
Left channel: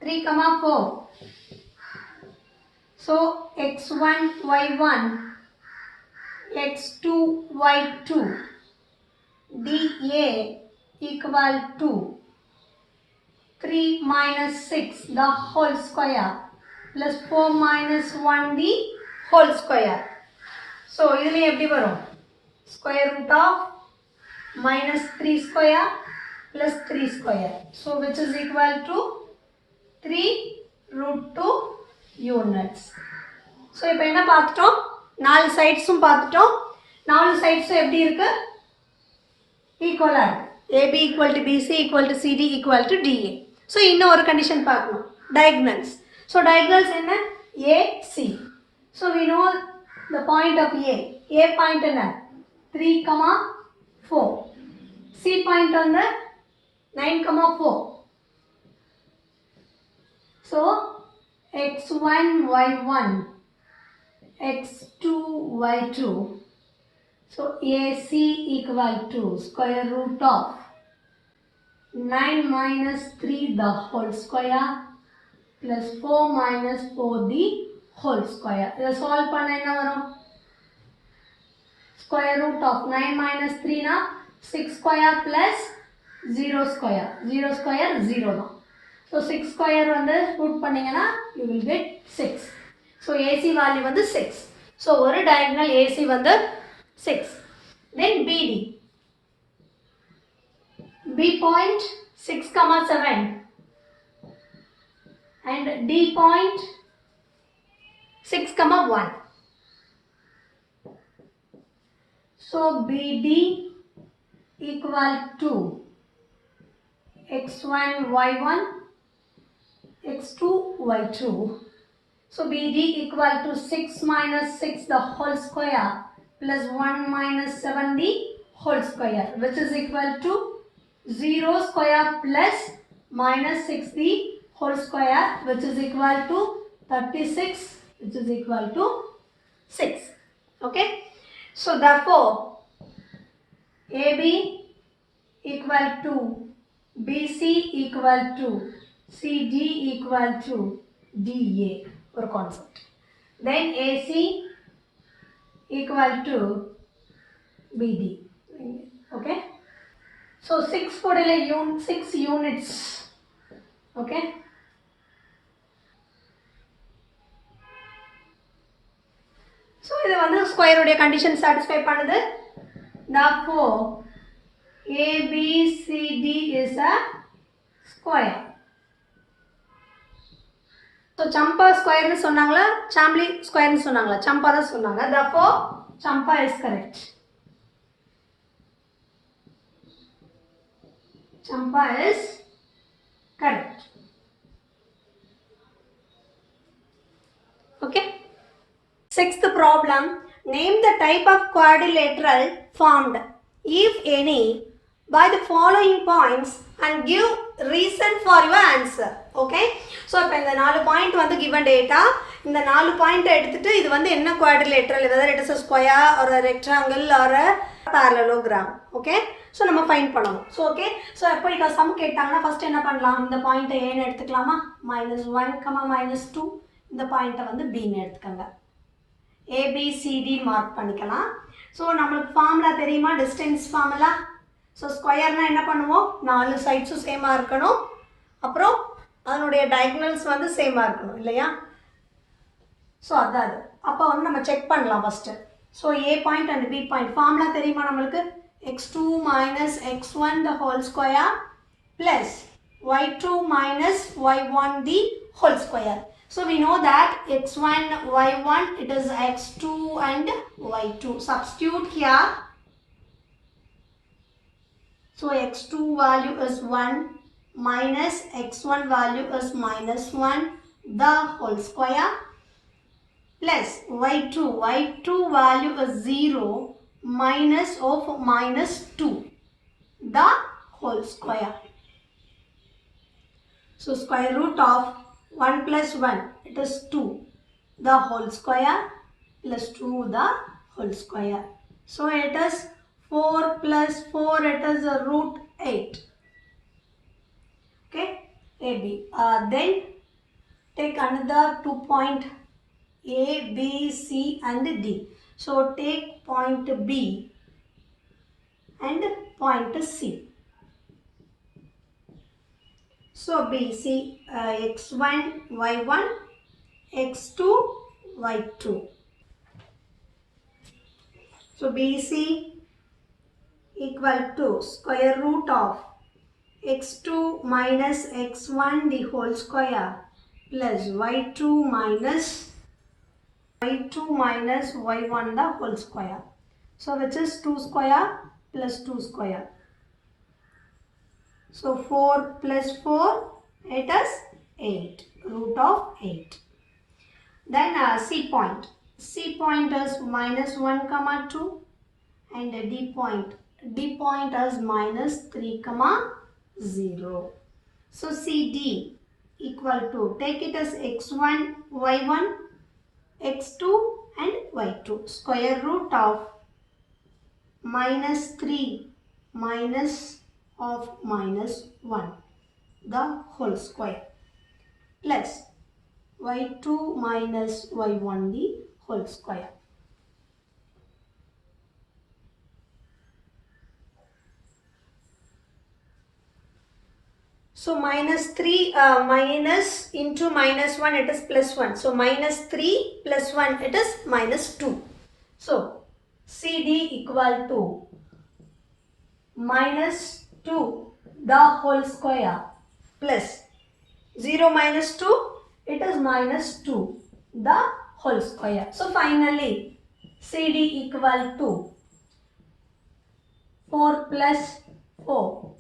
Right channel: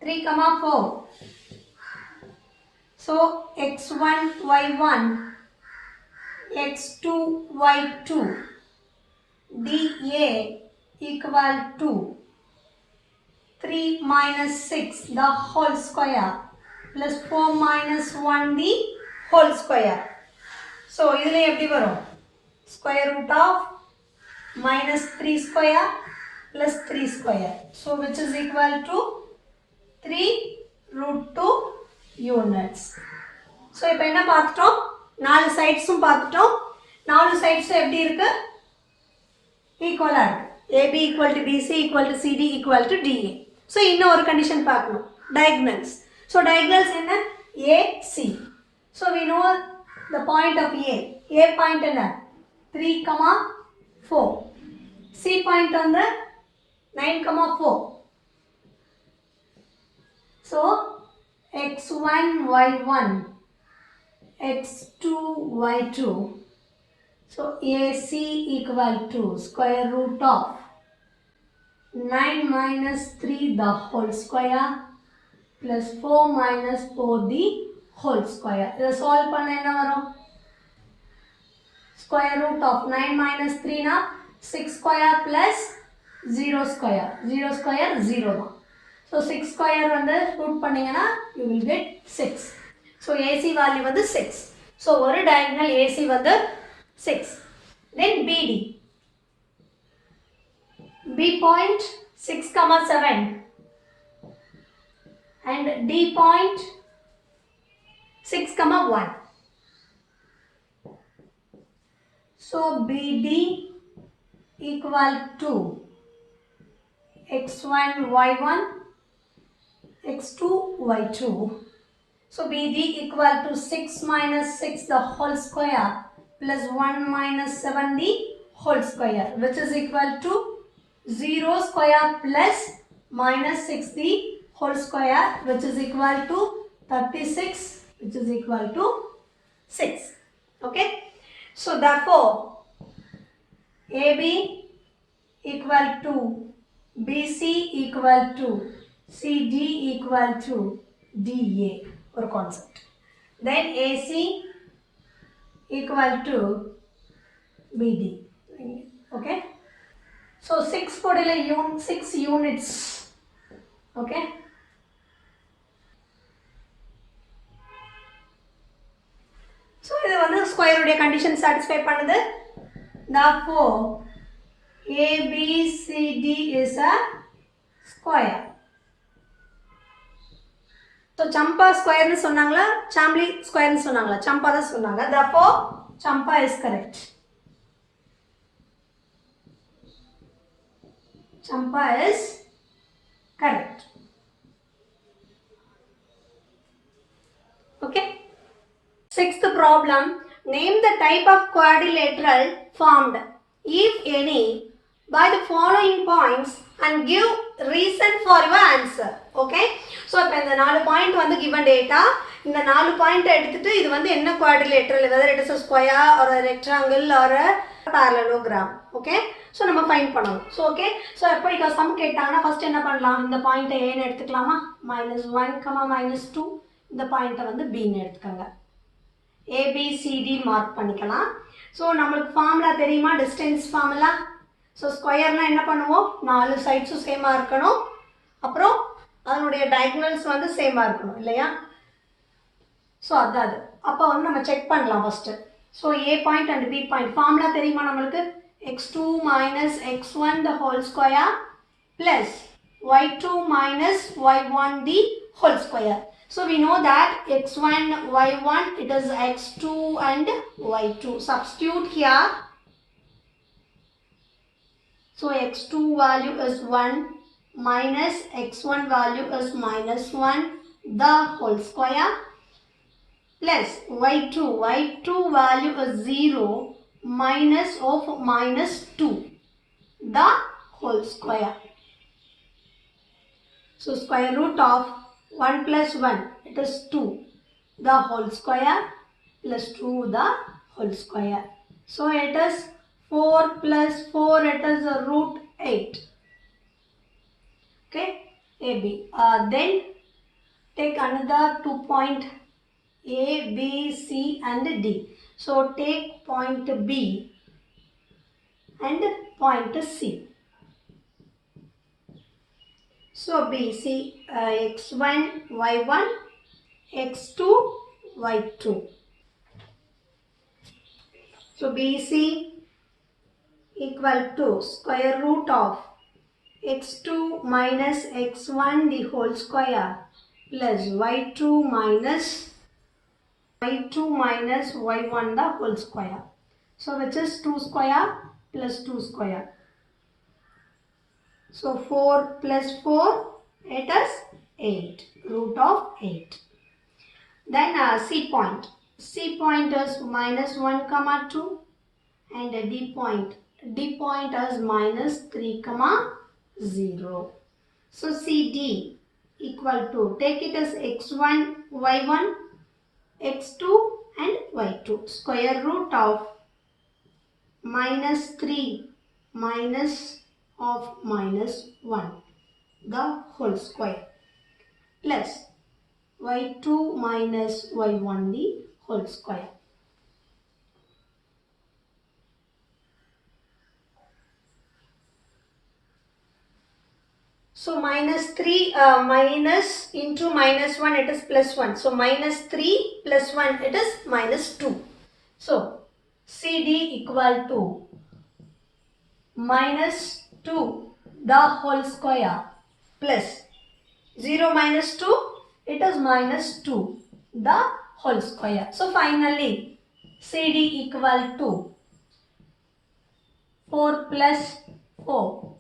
3 4 so x1 y1 x2 y2 DA equal to 3 minus 6 the whole square plus 4 minus 1 the whole square so இதுல எப்படி வரும் square root of minus 3 square plus 3 square so which is equal to 3 root 2 units so இப்போ என்ன பார்த்துட்டோம் நாலு சைட்ஸும் பார்த்துட்டோம் நாலு சைட்ஸும் எப்படி இருக்கு ஈக்குவலா இருக்கு AB equal to BC equal to CD equal to DA so இன்னும் ஒரு கண்டிஷன் பார்க்கணும் diagonals so diagonals என்ன AC so we know the point of A point என்ன 3 4 C point வந்து 9 4 so x1 y1 x2 y2 so AC equal to square root of 9 minus 3 the whole square plus 4 minus 4 the whole square இதை solve பண்ண என்ன வரும் square root of 9 minus 3 na 6 square plus 0 square 0 square 0 தான் So 6 square வந்து root பண்ணீங்கன்னா you will get 6. So AC value வந்து 6. So ஒரு diagonal AC வந்து 6. Then BD. B point 6, 7 and D point 6, 1. So BD equal to x1, y1, x2, y2. So BD equal to 6 minus 6 the whole square plus 1 minus 7 the whole square, which is equal to 0 square plus minus 6 the whole square, which is equal to 36, which is equal to 6. Okay. So therefore AB equal to BC equal to CD equal to DA or concept. Then AC equal to BD. Okay. So 6 6 units. Okay. So this is the square root condition satisfy பண்ணுது. Therefore ABCD is a square. So Champa square னு சொன்னாங்களா Chambly square னு சொன்னாங்களா Champa தான் சொன்னாங்க. Therefore Champa is correct. Champa is correct. Okay. Sixth problem. Name the type of quadrilateral formed, if any, by the following points and give reason for your answer. Okay. So இப்போ இந்த 4 point வந்து given data. இந்த 4 point எடுத்துட்டு இது வந்து என்ன quadrilateral, whether it is a square or a rectangle or a parallelogram. Okay. So நம்ம find பண்ணணும். So okay. So இப்போ இங்க sum கேட்டாங்கன்னா first என்ன பண்ணலாம், இந்த point A ன்னு எடுத்துக்கலாமா, -1, -2. இந்த point வந்து B ன்னு எடுத்துக்கங்க. ABCD மார்க் பண்ணிக்கலாம். ஸோ நம்மளுக்கு ஃபார்முலா தெரியுமா, டிஸ்டன்ஸ் ஃபார்முலா. ஸோ ஸ்கொயர்னா என்ன பண்ணுவோம், 4 சைட்ஸும் சேமாக இருக்கணும், அப்புறம் அதனுடைய டயகனல்ஸ் வந்து சேமாக இருக்கணும் இல்லையா. ஸோ அதான் அது. அப்போ வந்து நம்ம செக் பண்ணலாம் first. So A point and B point formula தெரியுமா நம்மளுக்கு, x2 minus x1 the whole square plus y2 minus y1 the whole square. So we know that x1, y1, it is x2 and y2. Substitute here. So x2 value is 1 minus x1 value is -1 the whole square plus y2 value is 0 minus of -2 the whole square. So square root of 1 plus 1, it is 2 the whole square plus 2 the whole square. So it is 4 plus 4, it is a root 8. Okay, AB. Then take another 2 point A, B, C and D. So take point B and point C. So BC x1, y1, x2, y2. So BC equal to square root of x2 minus x1 the whole square plus y2 minus y1 the whole square. So which is 2 square plus 2 square. So 4 plus 4, it is 8, root of 8. Then C point. C point is -1, 2 and D point is -3, 0. So CD equal to, take it as x1, y1, x2 and y2. Square root of -3 minus of -1 the whole square plus y2 minus y1 the whole square. So minus 3 minus into minus 1 it is plus 1. So minus 3 plus 1 it is minus 2. So CD equal to minus 2 the whole square plus 0 minus 2 it is minus 2 the whole square. So finally CD equal to 4 plus 4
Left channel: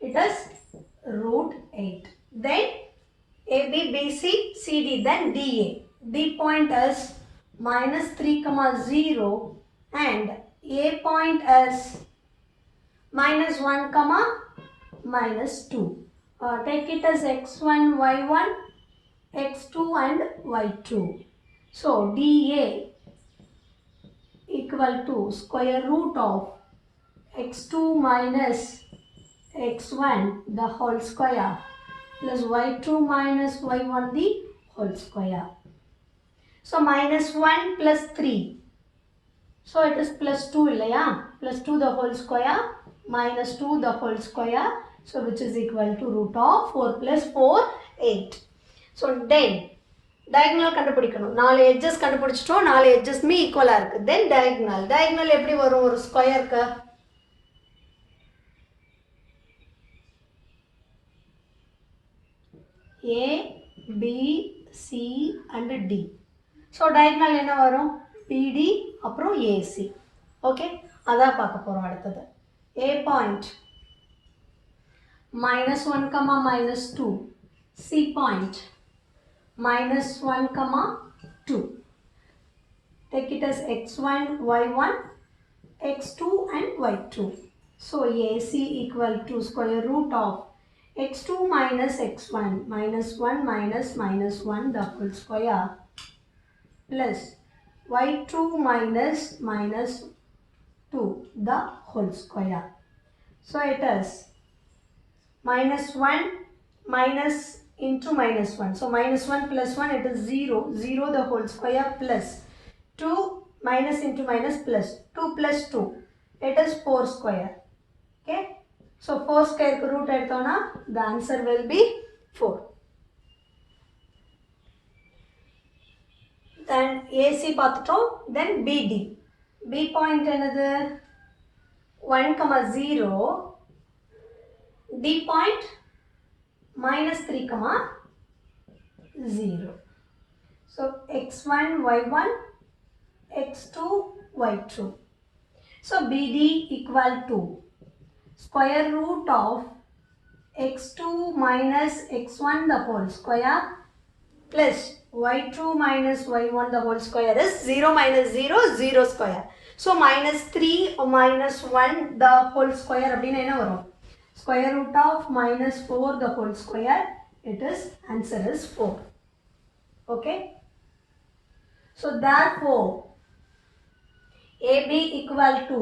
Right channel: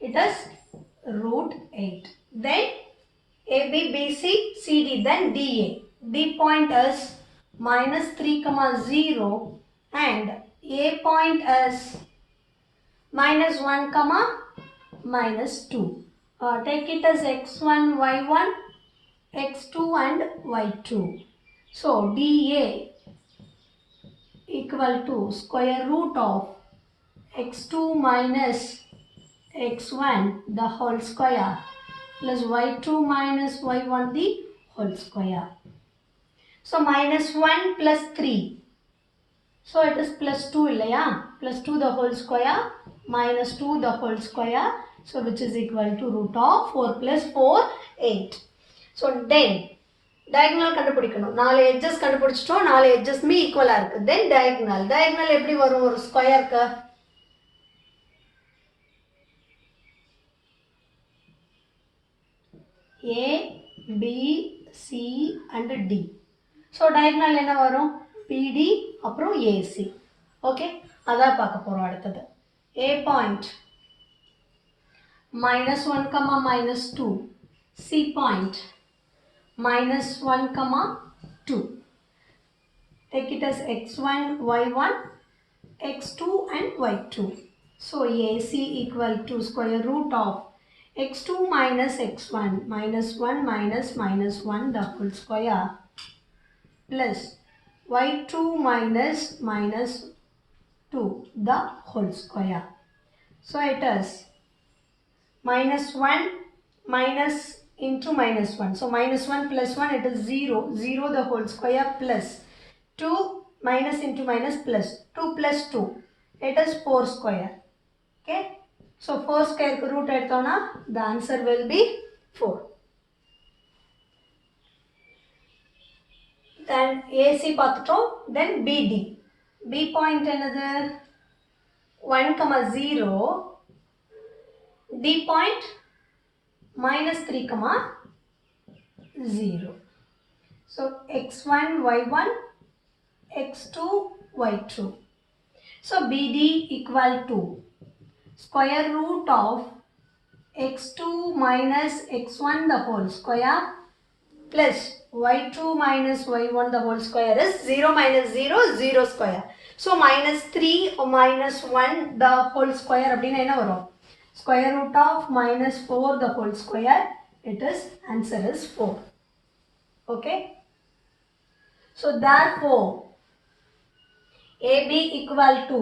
it is root 8. Then AB, BC, CD, then DA. D point is minus 3, 0 and A point is minus 1, minus 2. Take it as x1, y1, x2 and y2. So DA equal to square root of x2 minus x1 the whole square plus y2 minus y1 the whole square. So minus 1 plus 3. So it is plus 2 illaya? Plus 2 the whole square minus 2 the whole square. So which is equal to root of 4 plus 4, 8. So then diagonal கண்டுபிடிக்கணும். 4 edges கண்டுபிடிச்சிட்டோம். 4 edges me equal இருக்கு. Then diagonal. Diagonal எப்படி வரும் ஒரு ஸ்கொயருக்கு? A, B, C and D. So diagonal என்ன வரும்? BD அப்புறம் AC. Okay? அதான் பார்க்க போறோம் அடுத்தது. A point minus 1, minus 2. C point minus 1, 2. Take it as x1, y1, x2 and y2. So AC equal to square root of x2 minus x1 minus 1 minus minus 1 the whole square plus y2 minus minus 2 the whole square. So it is minus 1 minus into minus 1. So minus 1 plus 1 it is 0. 0 the whole square plus 2 minus into minus plus 2 plus 2. It is 4 square. Okay. So 4 square root எடுத்தோம்னா the answer will be 4. Then AC பார்த்துட்டோம். Then BD. B point என்னது? 1, 0. D point minus 3, 0. So x1, y1, x2, y2. So BD equal to square root of x2 minus x1 the whole square plus y2 minus y1 the whole square is 0 minus 0, 0 square. So minus 3 or minus 1 the whole square அப்படினா என்ன வரும்? Square root of minus 4 the whole square. It is answer is 4. Okay. So therefore AB equal to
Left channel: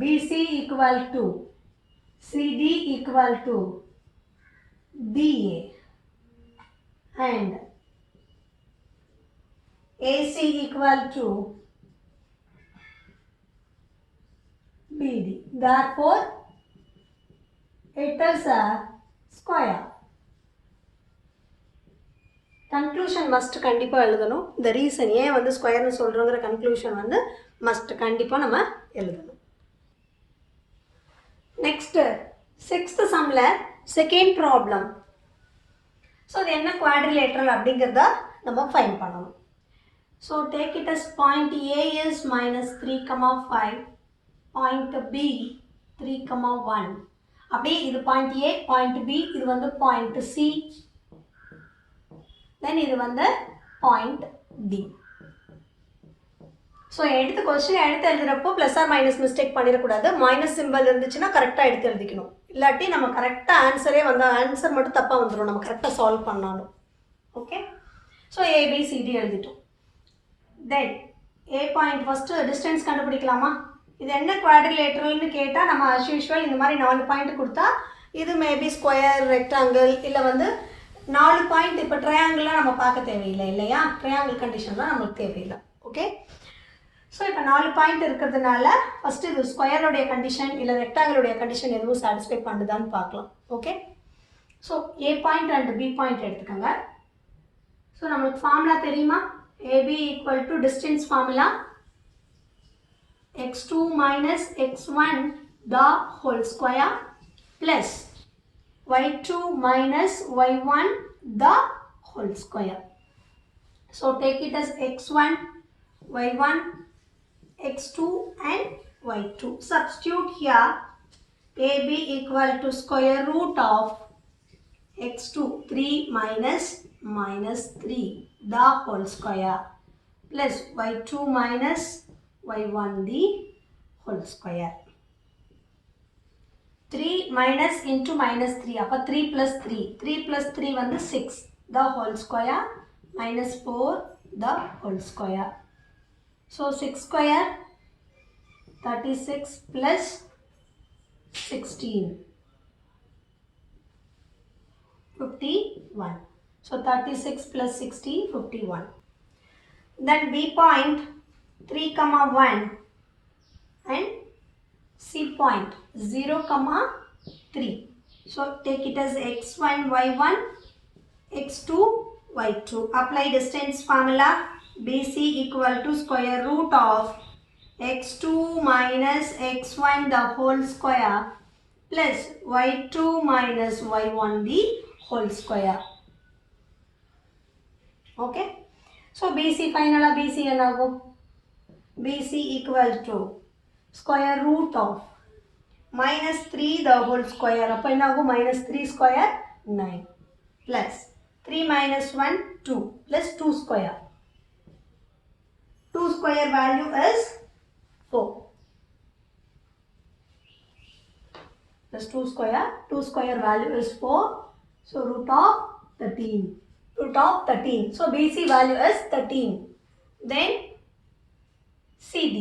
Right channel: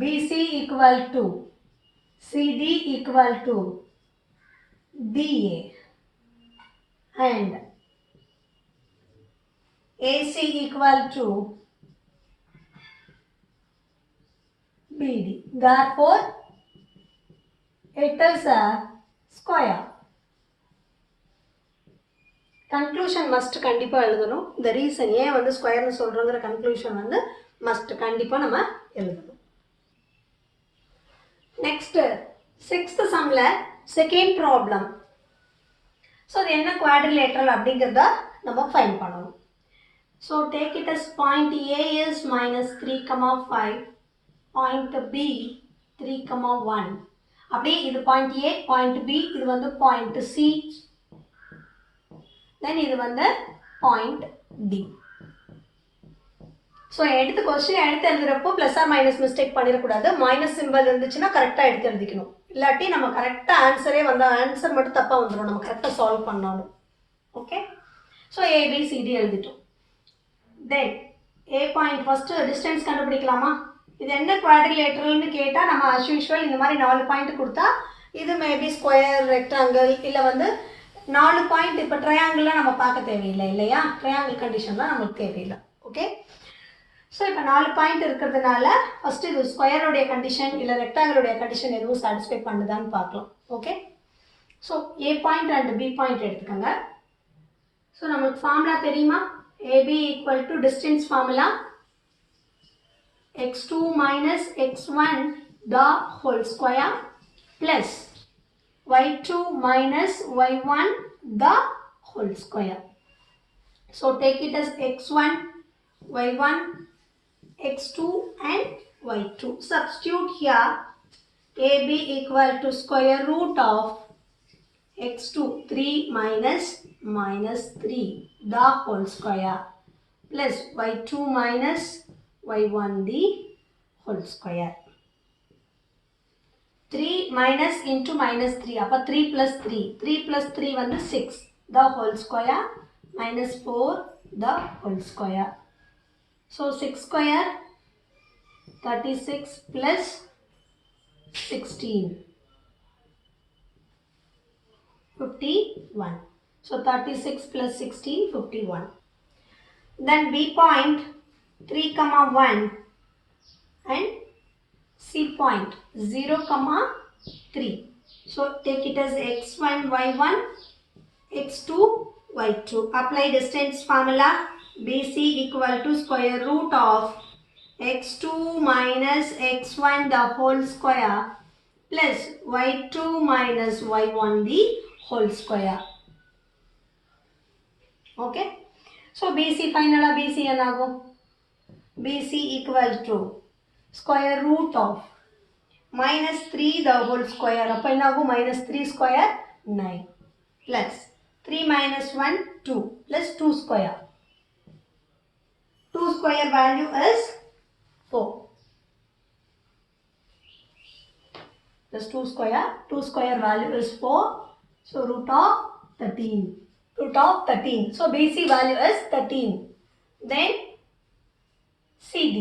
BC equal to CD equal to DA and AC equal to BD. Therefore, it is a square. Conclusion must கண்டிப்பா எழுதணும். The reason ஏன் வந்து ஸ்கொயர்னு சொல்றோங்கிற conclusion வந்து must கண்டிப்பா நம்ம எழுதணும். Next, 6th sumல second problem. So அது என்ன quadrilateral அப்படிங்கிறத நம்ம find பண்ணணும். So take it as point A is minus 3, 5. Point B 3, 1. அப்படியே இது point A, point B, இது வந்து point C. Then இது வந்து point D. So எடுத்து கொஸ்டின் எடுத்து எழுதுறப்போ ப்ளஸ் ஆர் மைனஸ் மிஸ்டேக் பண்ணிடக்கூடாது. மைனஸ் சிம்பிள் இருந்துச்சுன்னா கரெக்டாக எடுத்து எழுதிக்கணும். இல்லாட்டி நம்ம கரெக்டாக ஆன்சரே வந்து ஆன்சர் மட்டும் தப்பாக வந்துடும். நம்ம கரெக்டாக சால்வ் பண்ணாலும். ஓகே. ஸோ ஏபிசிடி எழுதிட்டோம். Then A point first distance கண்டுபிடிக்கலாமா? இது என்ன குவாட்ரிலேட்டரல்னு கேட்டால் நம்ம அஸ் யூஷுவல் இந்த மாதிரி 4 பாயிண்ட் கொடுத்தா இது மேபி ஸ்கொயர், ரெக்டாங்கிள், இல்லை வந்து 4 பாயிண்ட். இப்போ ட்ரையாங்கிள்லாம் நம்ம பார்க்க தேவையில்லை இல்லையா? ட்ரையாங்கிள் கண்டிஷன்லாம் நம்மளுக்கு தேவையில்லை. ஓகே. ஸோ இப்போ 4 பாயிண்ட் இருக்கிறதுனால ஃபஸ்ட்டு இது ஸ்கொயருடைய கண்டிஷன் இல்லை ரெக்டாங்கிளுடைய கண்டிஷன் எதுவும் சாட்டிஸ்ஃபை பண்ணுதான்னு பார்க்கலாம். Okay, so A point and B point எடுத்துக்கோங்க. ஸோ நம்மளுக்கு ஃபார்முலா தெரியுமா? AB equal to distance formula x2 minus x1 the whole square plus y2 minus y1 the whole square. So take it as x1, y1, x2 and y2. Substitute here AB equal to square root of x2 3 minus 3 the whole square plus y2 minus y1 the whole square. 3 minus into minus 3 அப்ப 3 plus 3 3 plus 3 வந்து 6 the whole square minus 4 the whole square. So 6 square 36 plus 16 51. So 36 plus 16 51. Then B point 3 comma 1 and C point 0 comma 3. So take it as x1 y1 x2 y2. Apply distance formula. BC equal to square root of x2 minus x1 the whole square plus y2 minus y1 the whole square. Okay. So BC final BC enago BC equal to square root of minus 3 the whole square appa enago minus 3 square 9 plus 3 minus 1 2 plus 2 square. 2 square value is 4 plus 2 square. 2 square value is 4. So root of 13. Root of 13. So BC value is 13. Then CD.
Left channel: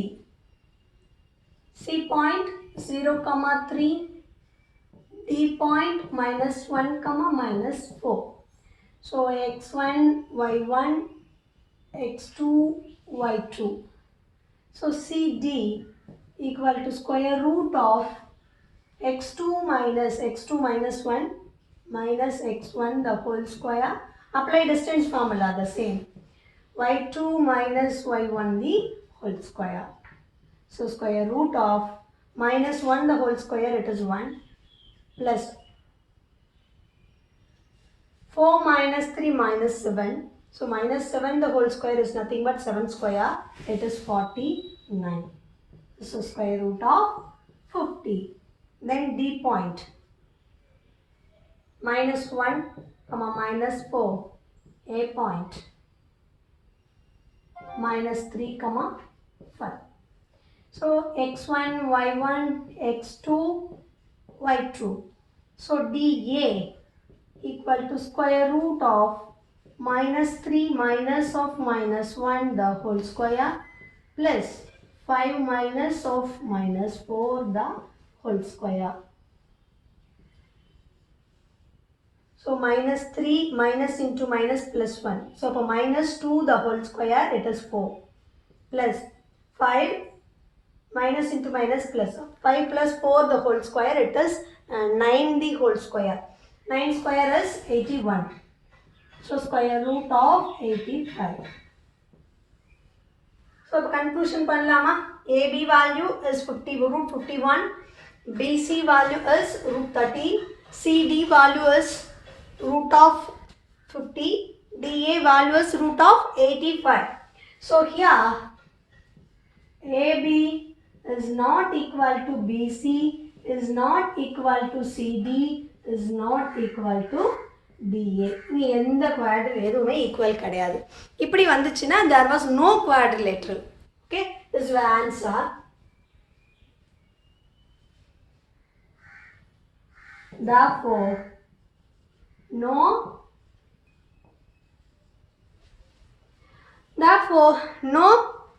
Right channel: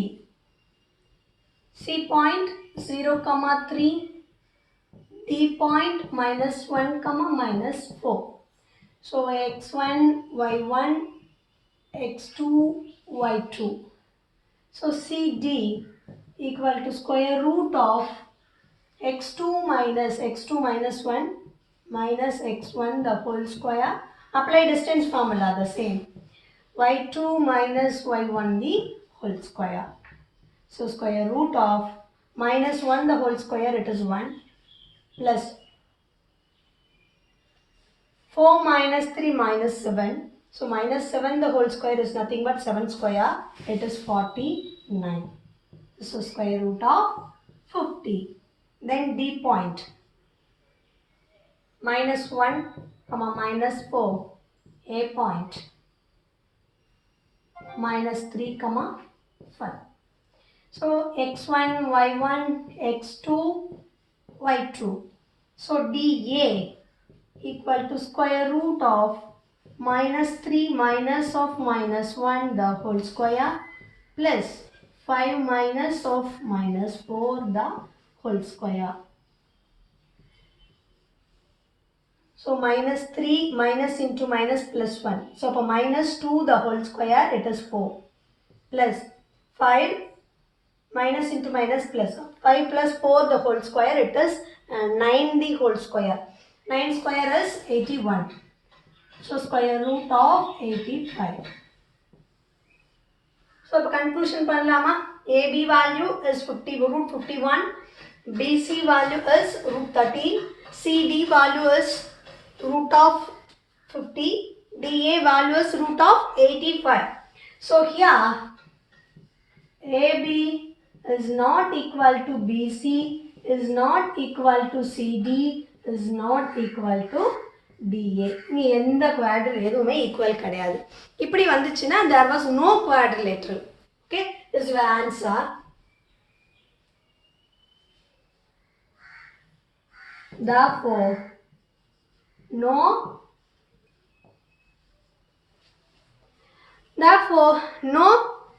C point 0 comma 3. D point minus 1 comma minus 4. So x1 y1 x2 y2. So CD equal to square root of x2 minus 1 minus x1 the whole square. Apply distance formula the same. y2 minus y1 the whole square. So square root of minus 1 the whole square, it is 1 plus 4 minus 3 minus 7. So minus 7 the whole square is nothing but 7 square, it is 49. So square root of 50. Then D point minus 1 comma minus 4. A point minus 3 comma 5. So x1 y1 x2 y2. So DA equal to square root of minus 3 minus of minus 1 the whole square plus 5 minus of minus 4 the whole square. So minus 3 minus into minus plus 1. So for minus 2 the whole square, it is 4 plus 5 minus into minus plus 5 plus 4 the whole square, it is 9 the whole square. 9 square is 81. So square root of 85. So conclusion panalama. AB value is 50 root 51. BC value is root 13. CD value is root of 50. DA value is root of 85. So here AB is not equal to BC, is not equal to CD, is not equal to DA. நீ எந்த குவாட்ரில் எதுவுமே ஈக்குவல் கிடையாது. இப்படி வந்துச்சுன்னா there was no quadrilateral. Okay, this is the answer. Therefore, no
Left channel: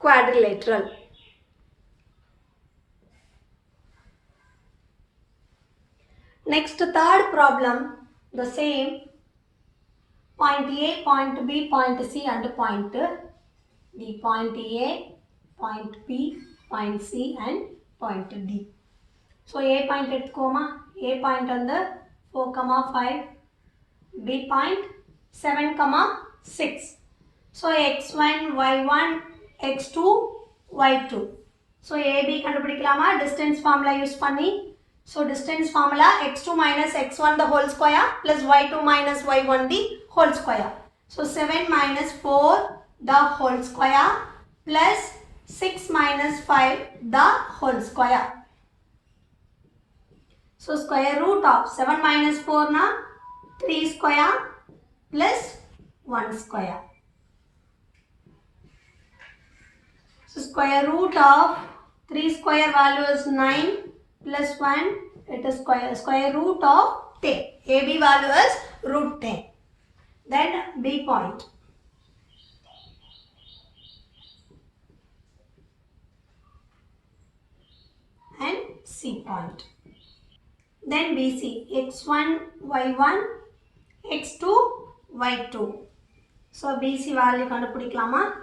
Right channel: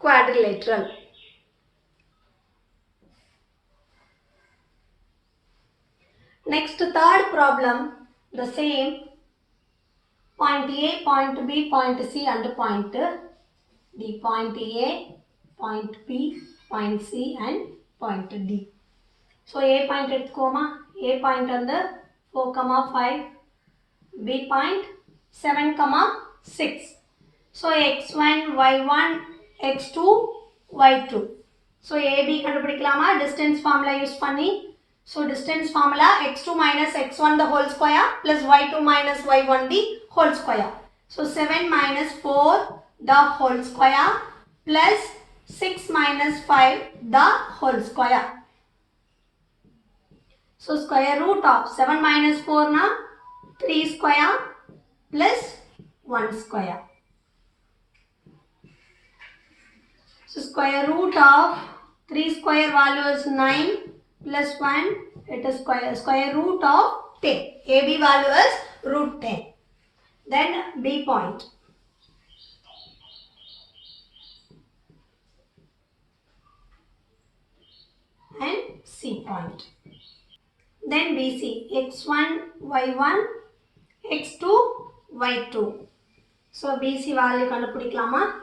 quadrilateral. Next, third problem, the same. Point A, point B, point C and point D. Point A, point P, point C and point D. So A point etkoma, A point on the 4, 5, B point 7, 6. So x1, y1, x2, y2. So AB kandupidikalama distance formula use panni. So distance formula x2 minus x1 the whole square plus y2 minus y1 the whole square. So 7 minus 4 the whole square plus 6 minus 5 the whole square. So square root of 7 minus 4 na 3 square plus 1 square. So square root of 3 square value is 9 plus 1, it is square root of 10. AB value is root 10. Then B point. And C point. Then BC, x1, y1, x2, y2. So BC value kandupidikalama.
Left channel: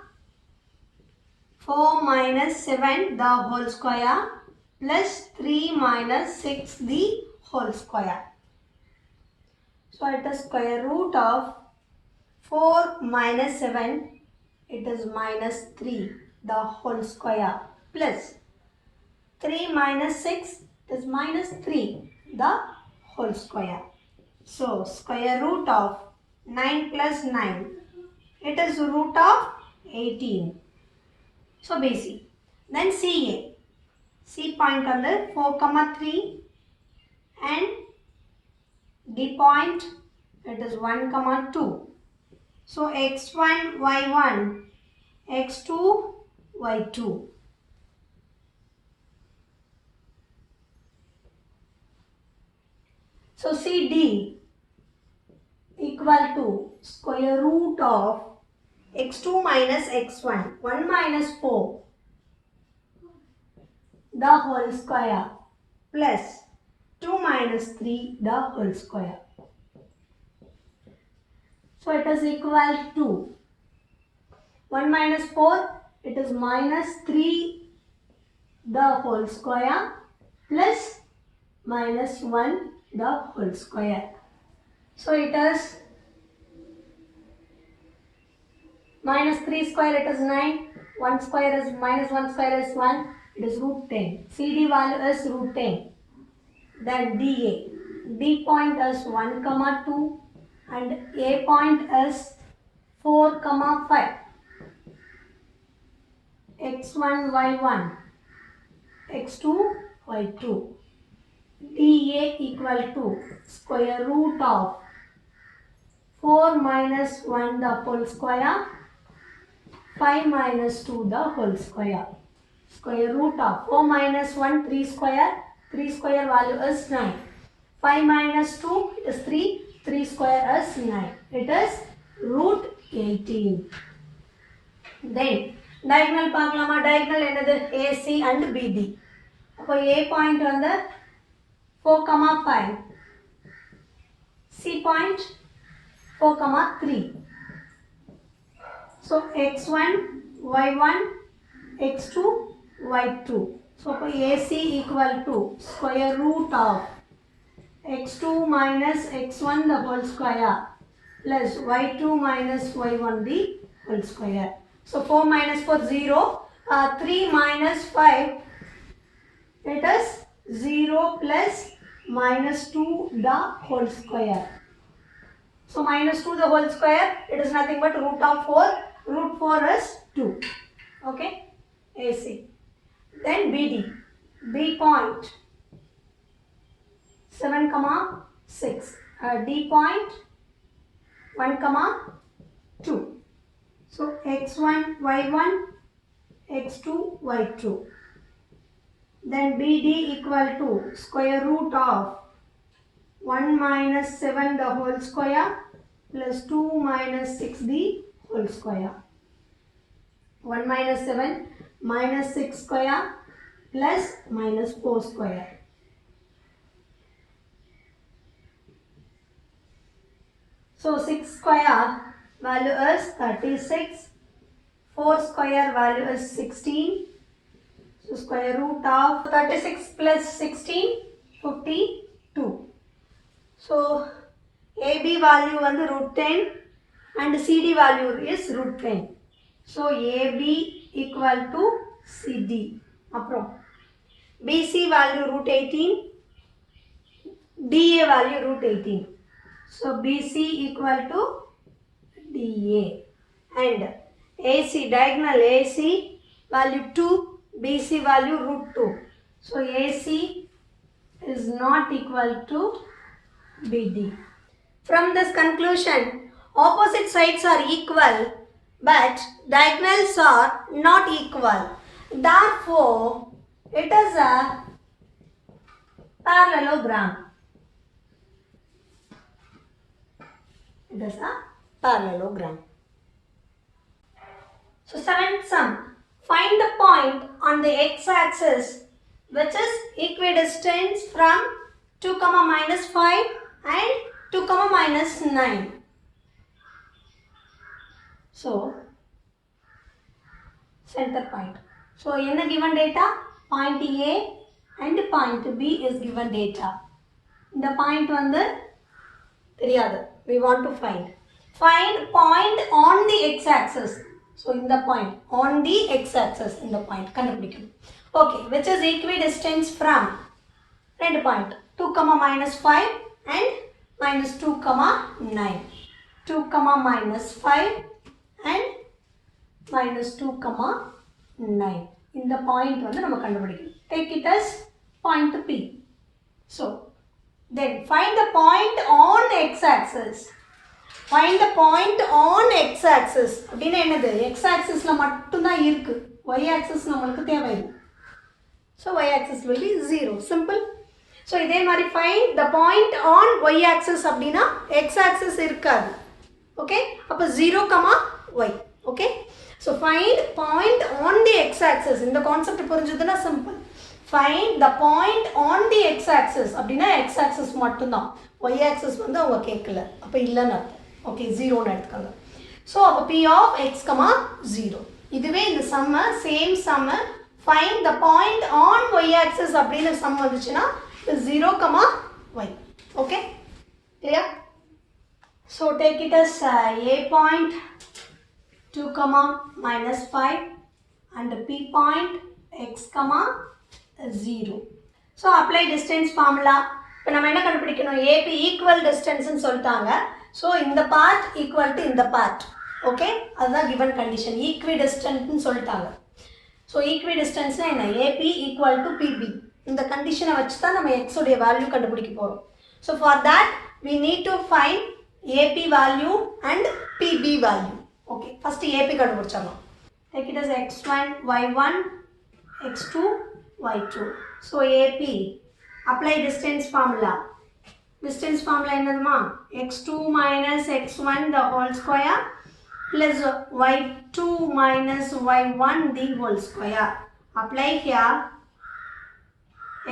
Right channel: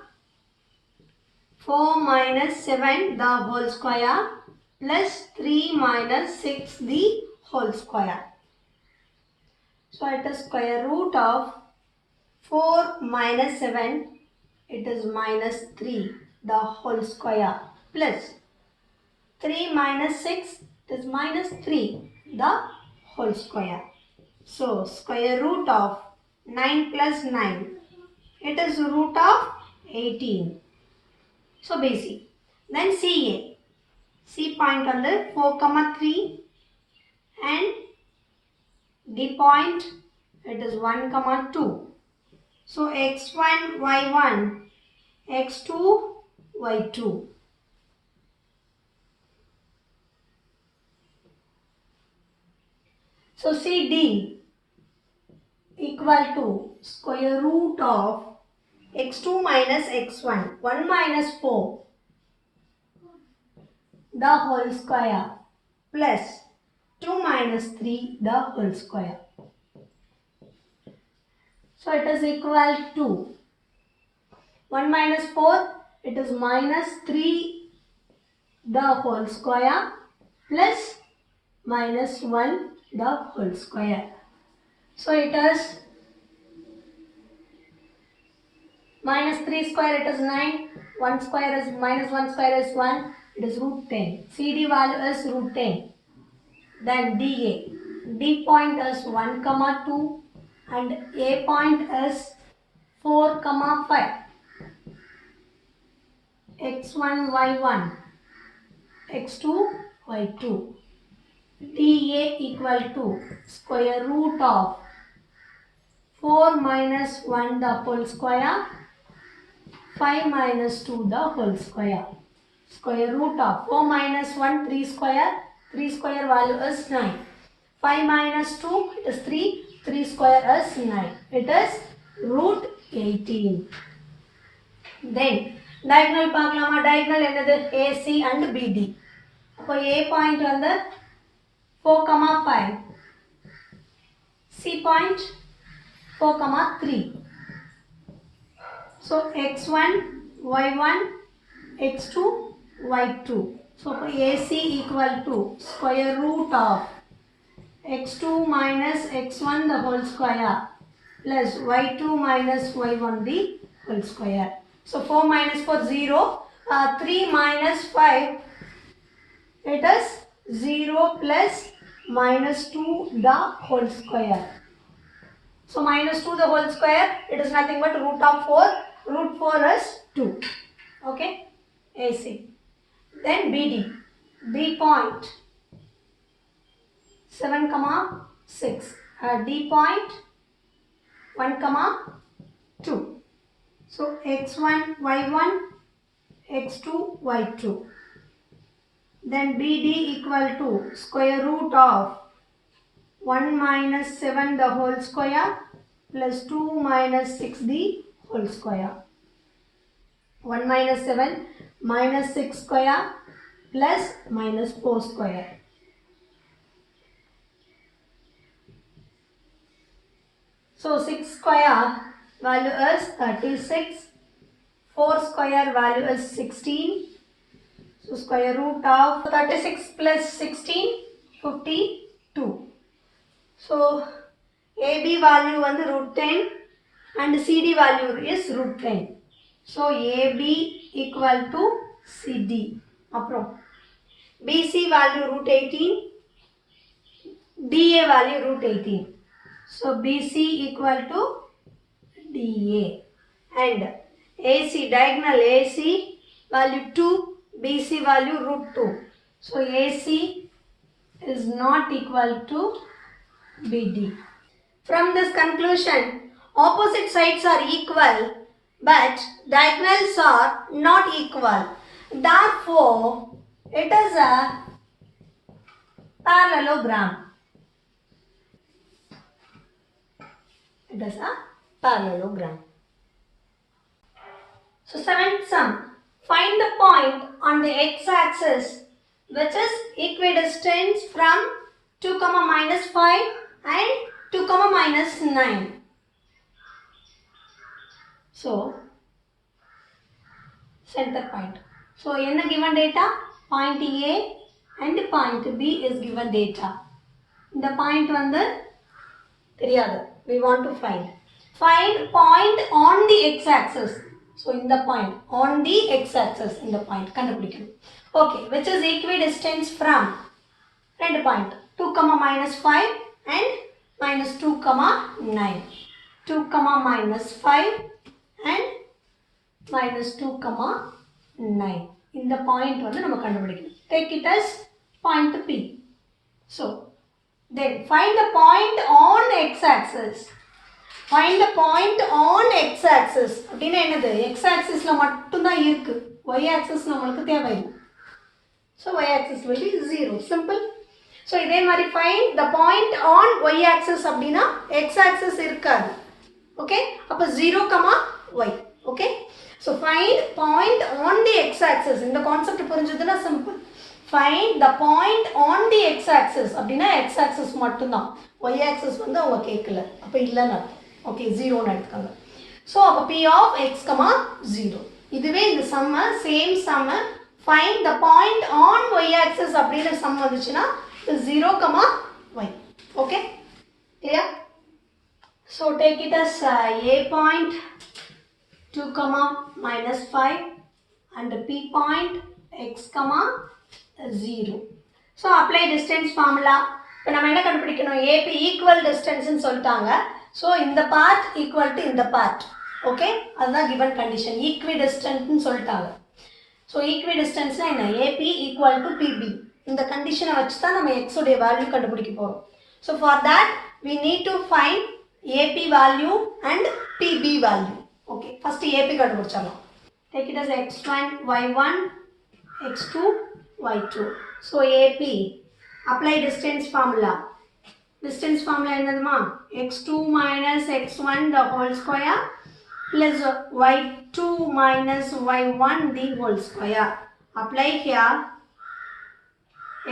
4 minus 7 the whole square plus 3 minus 6 the whole square. So it is square root of 4 minus 7, it is minus 3 the whole square plus 3 minus 6, it is minus 3 the whole square. So square root of 9 plus 9, it is root of 18. So BC. Then CA. C point on the 4, 3 and D point, it is 1, 2. So x1, y1, x2, y2. So CD equal to square root of x2 minus x1, 1 minus 4 the whole square plus 2 minus 3 the whole square. So it is equal to 1 minus 4, it is minus 3 the whole square plus minus 1 the whole square. So it is minus 3 square, it is 9, 1 square is minus 1 square is 1, it is root 10. CD value is root 10. Then DA. D point is 1, 2 and A point is 4, 5. x1, y1, x2, y2. DA equal to square root of 4 minus 1 the whole square, 5 minus 2 the whole square. Square root of 4 minus 1, 3 square. 3 square value is 9. 5 minus 2, it is 3. 3 square is 9. It is root 18. Then diagonal பார்க்கலாமா? diagonal என்னது? AC and BD. அப்போ A point வந்து 4, 5. C point 4, 3. So x1, y1, x2, y2. So AC equal to square root of x2 minus x1 the whole square plus y2 minus y1 the whole square. So 4 minus 4 0, 3 minus 5, it is 0 plus minus 2 the whole square. So minus 2 the whole square, it is nothing but root of 4. Root 4 is 2. Okay, AC. Then BD. B point 7, 6. D point 1, 2. So x1, y1, x2, y2. Then BD equal to square root of 1 minus 7 the whole square plus 2 minus 6 the whole square. 1 minus 7 minus 6 square plus minus 4 square. So 6 square value is 36. 4 square value is 16. So square root of 36 plus 16, 52. So AB value வந்து root 10 and CD value is root 10. So AB equal to CD. அப்புறம் BC value root 18, DA value root 18. So BC equal to DA. And AC, diagonal AC value 2, BC value root 2. So AC is not equal to BD. From this conclusion, opposite sides are equal but diagonals are not equal. Therefore, it is a parallelogram. It is a parallelogram. So, seventh sum. Find the point on the x-axis which is equidistant from 2, minus 5 and 2, minus 9. So, center point. So, in the given data, point A and point B is given data. The point வந்து தெரியாது. We want to find. Find point on the x-axis. So, in the point on the x-axis in the point கண்டுபிடிக்கணும். Okay, which is equidistant from ரெண்டு point 2, minus 5 and minus 2, 9. 2, minus 5 and minus 2, 9. இந்த point வந்து நம்ம கண்டுபிடிக்கணும். Take it as point P. So, then find the point on x-axis. Find the point on x-axis. அப்படின்னா என்னது? x-axisல மட்டும்தான் இருக்கு. y-axis நம்மளுக்கு தேவையில்லை. So, y-axis will be 0. Simple. So, இதே மாதிரி find the point on y-axis அப்படின்னா x-axis இருக்காது. Okay? அப்போ 0, y. Okay? So, find point on the x-axis. இந்த concept புரிஞ்சதுன்னா simple. Find the point on the x-axis. அப்படின்னா x-axis மட்டும்தான். y-axis வந்து அவங்க கேட்கல. அப்போ இல்லைன்னு அர்த்தம். ஓகே 0ன்னு எடுத்துக்காங்க. ஸோ அப்போ p of x, 0. இதுவே இந்த சம்ம சேம் சம்ம find the point on y-axis அப்படின்னு சம் வந்துச்சுன்னா 0, y. Okay clear? So take it as a point 2, minus 5 and p point x, 0. So apply distance formula. இப்போ நம்ம என்ன கண்டுபிடிக்கணும்? AP equal distance ன்னு சொல்லிட்டாங்க. So இந்த part equal to இந்த part. Okay? அதுதான் given condition. Equidistant ன்னு சொல்லிட்டாங்க. So equidistance என்ன? AP equal to PB. இந்த condition வச்சு தான் நம்ம x உடைய value கண்டுபிடிக்க போறோம். So for that we need to find AP value and PB value. Okay. First AP கண்டுபிடிச்சிடலாம். Take it as x1, y1, x2, y2. So AP, apply distance formula. Distance formula என்னதுமா? x2 minus x1 the whole square plus y2 minus y1 the whole square. Apply here.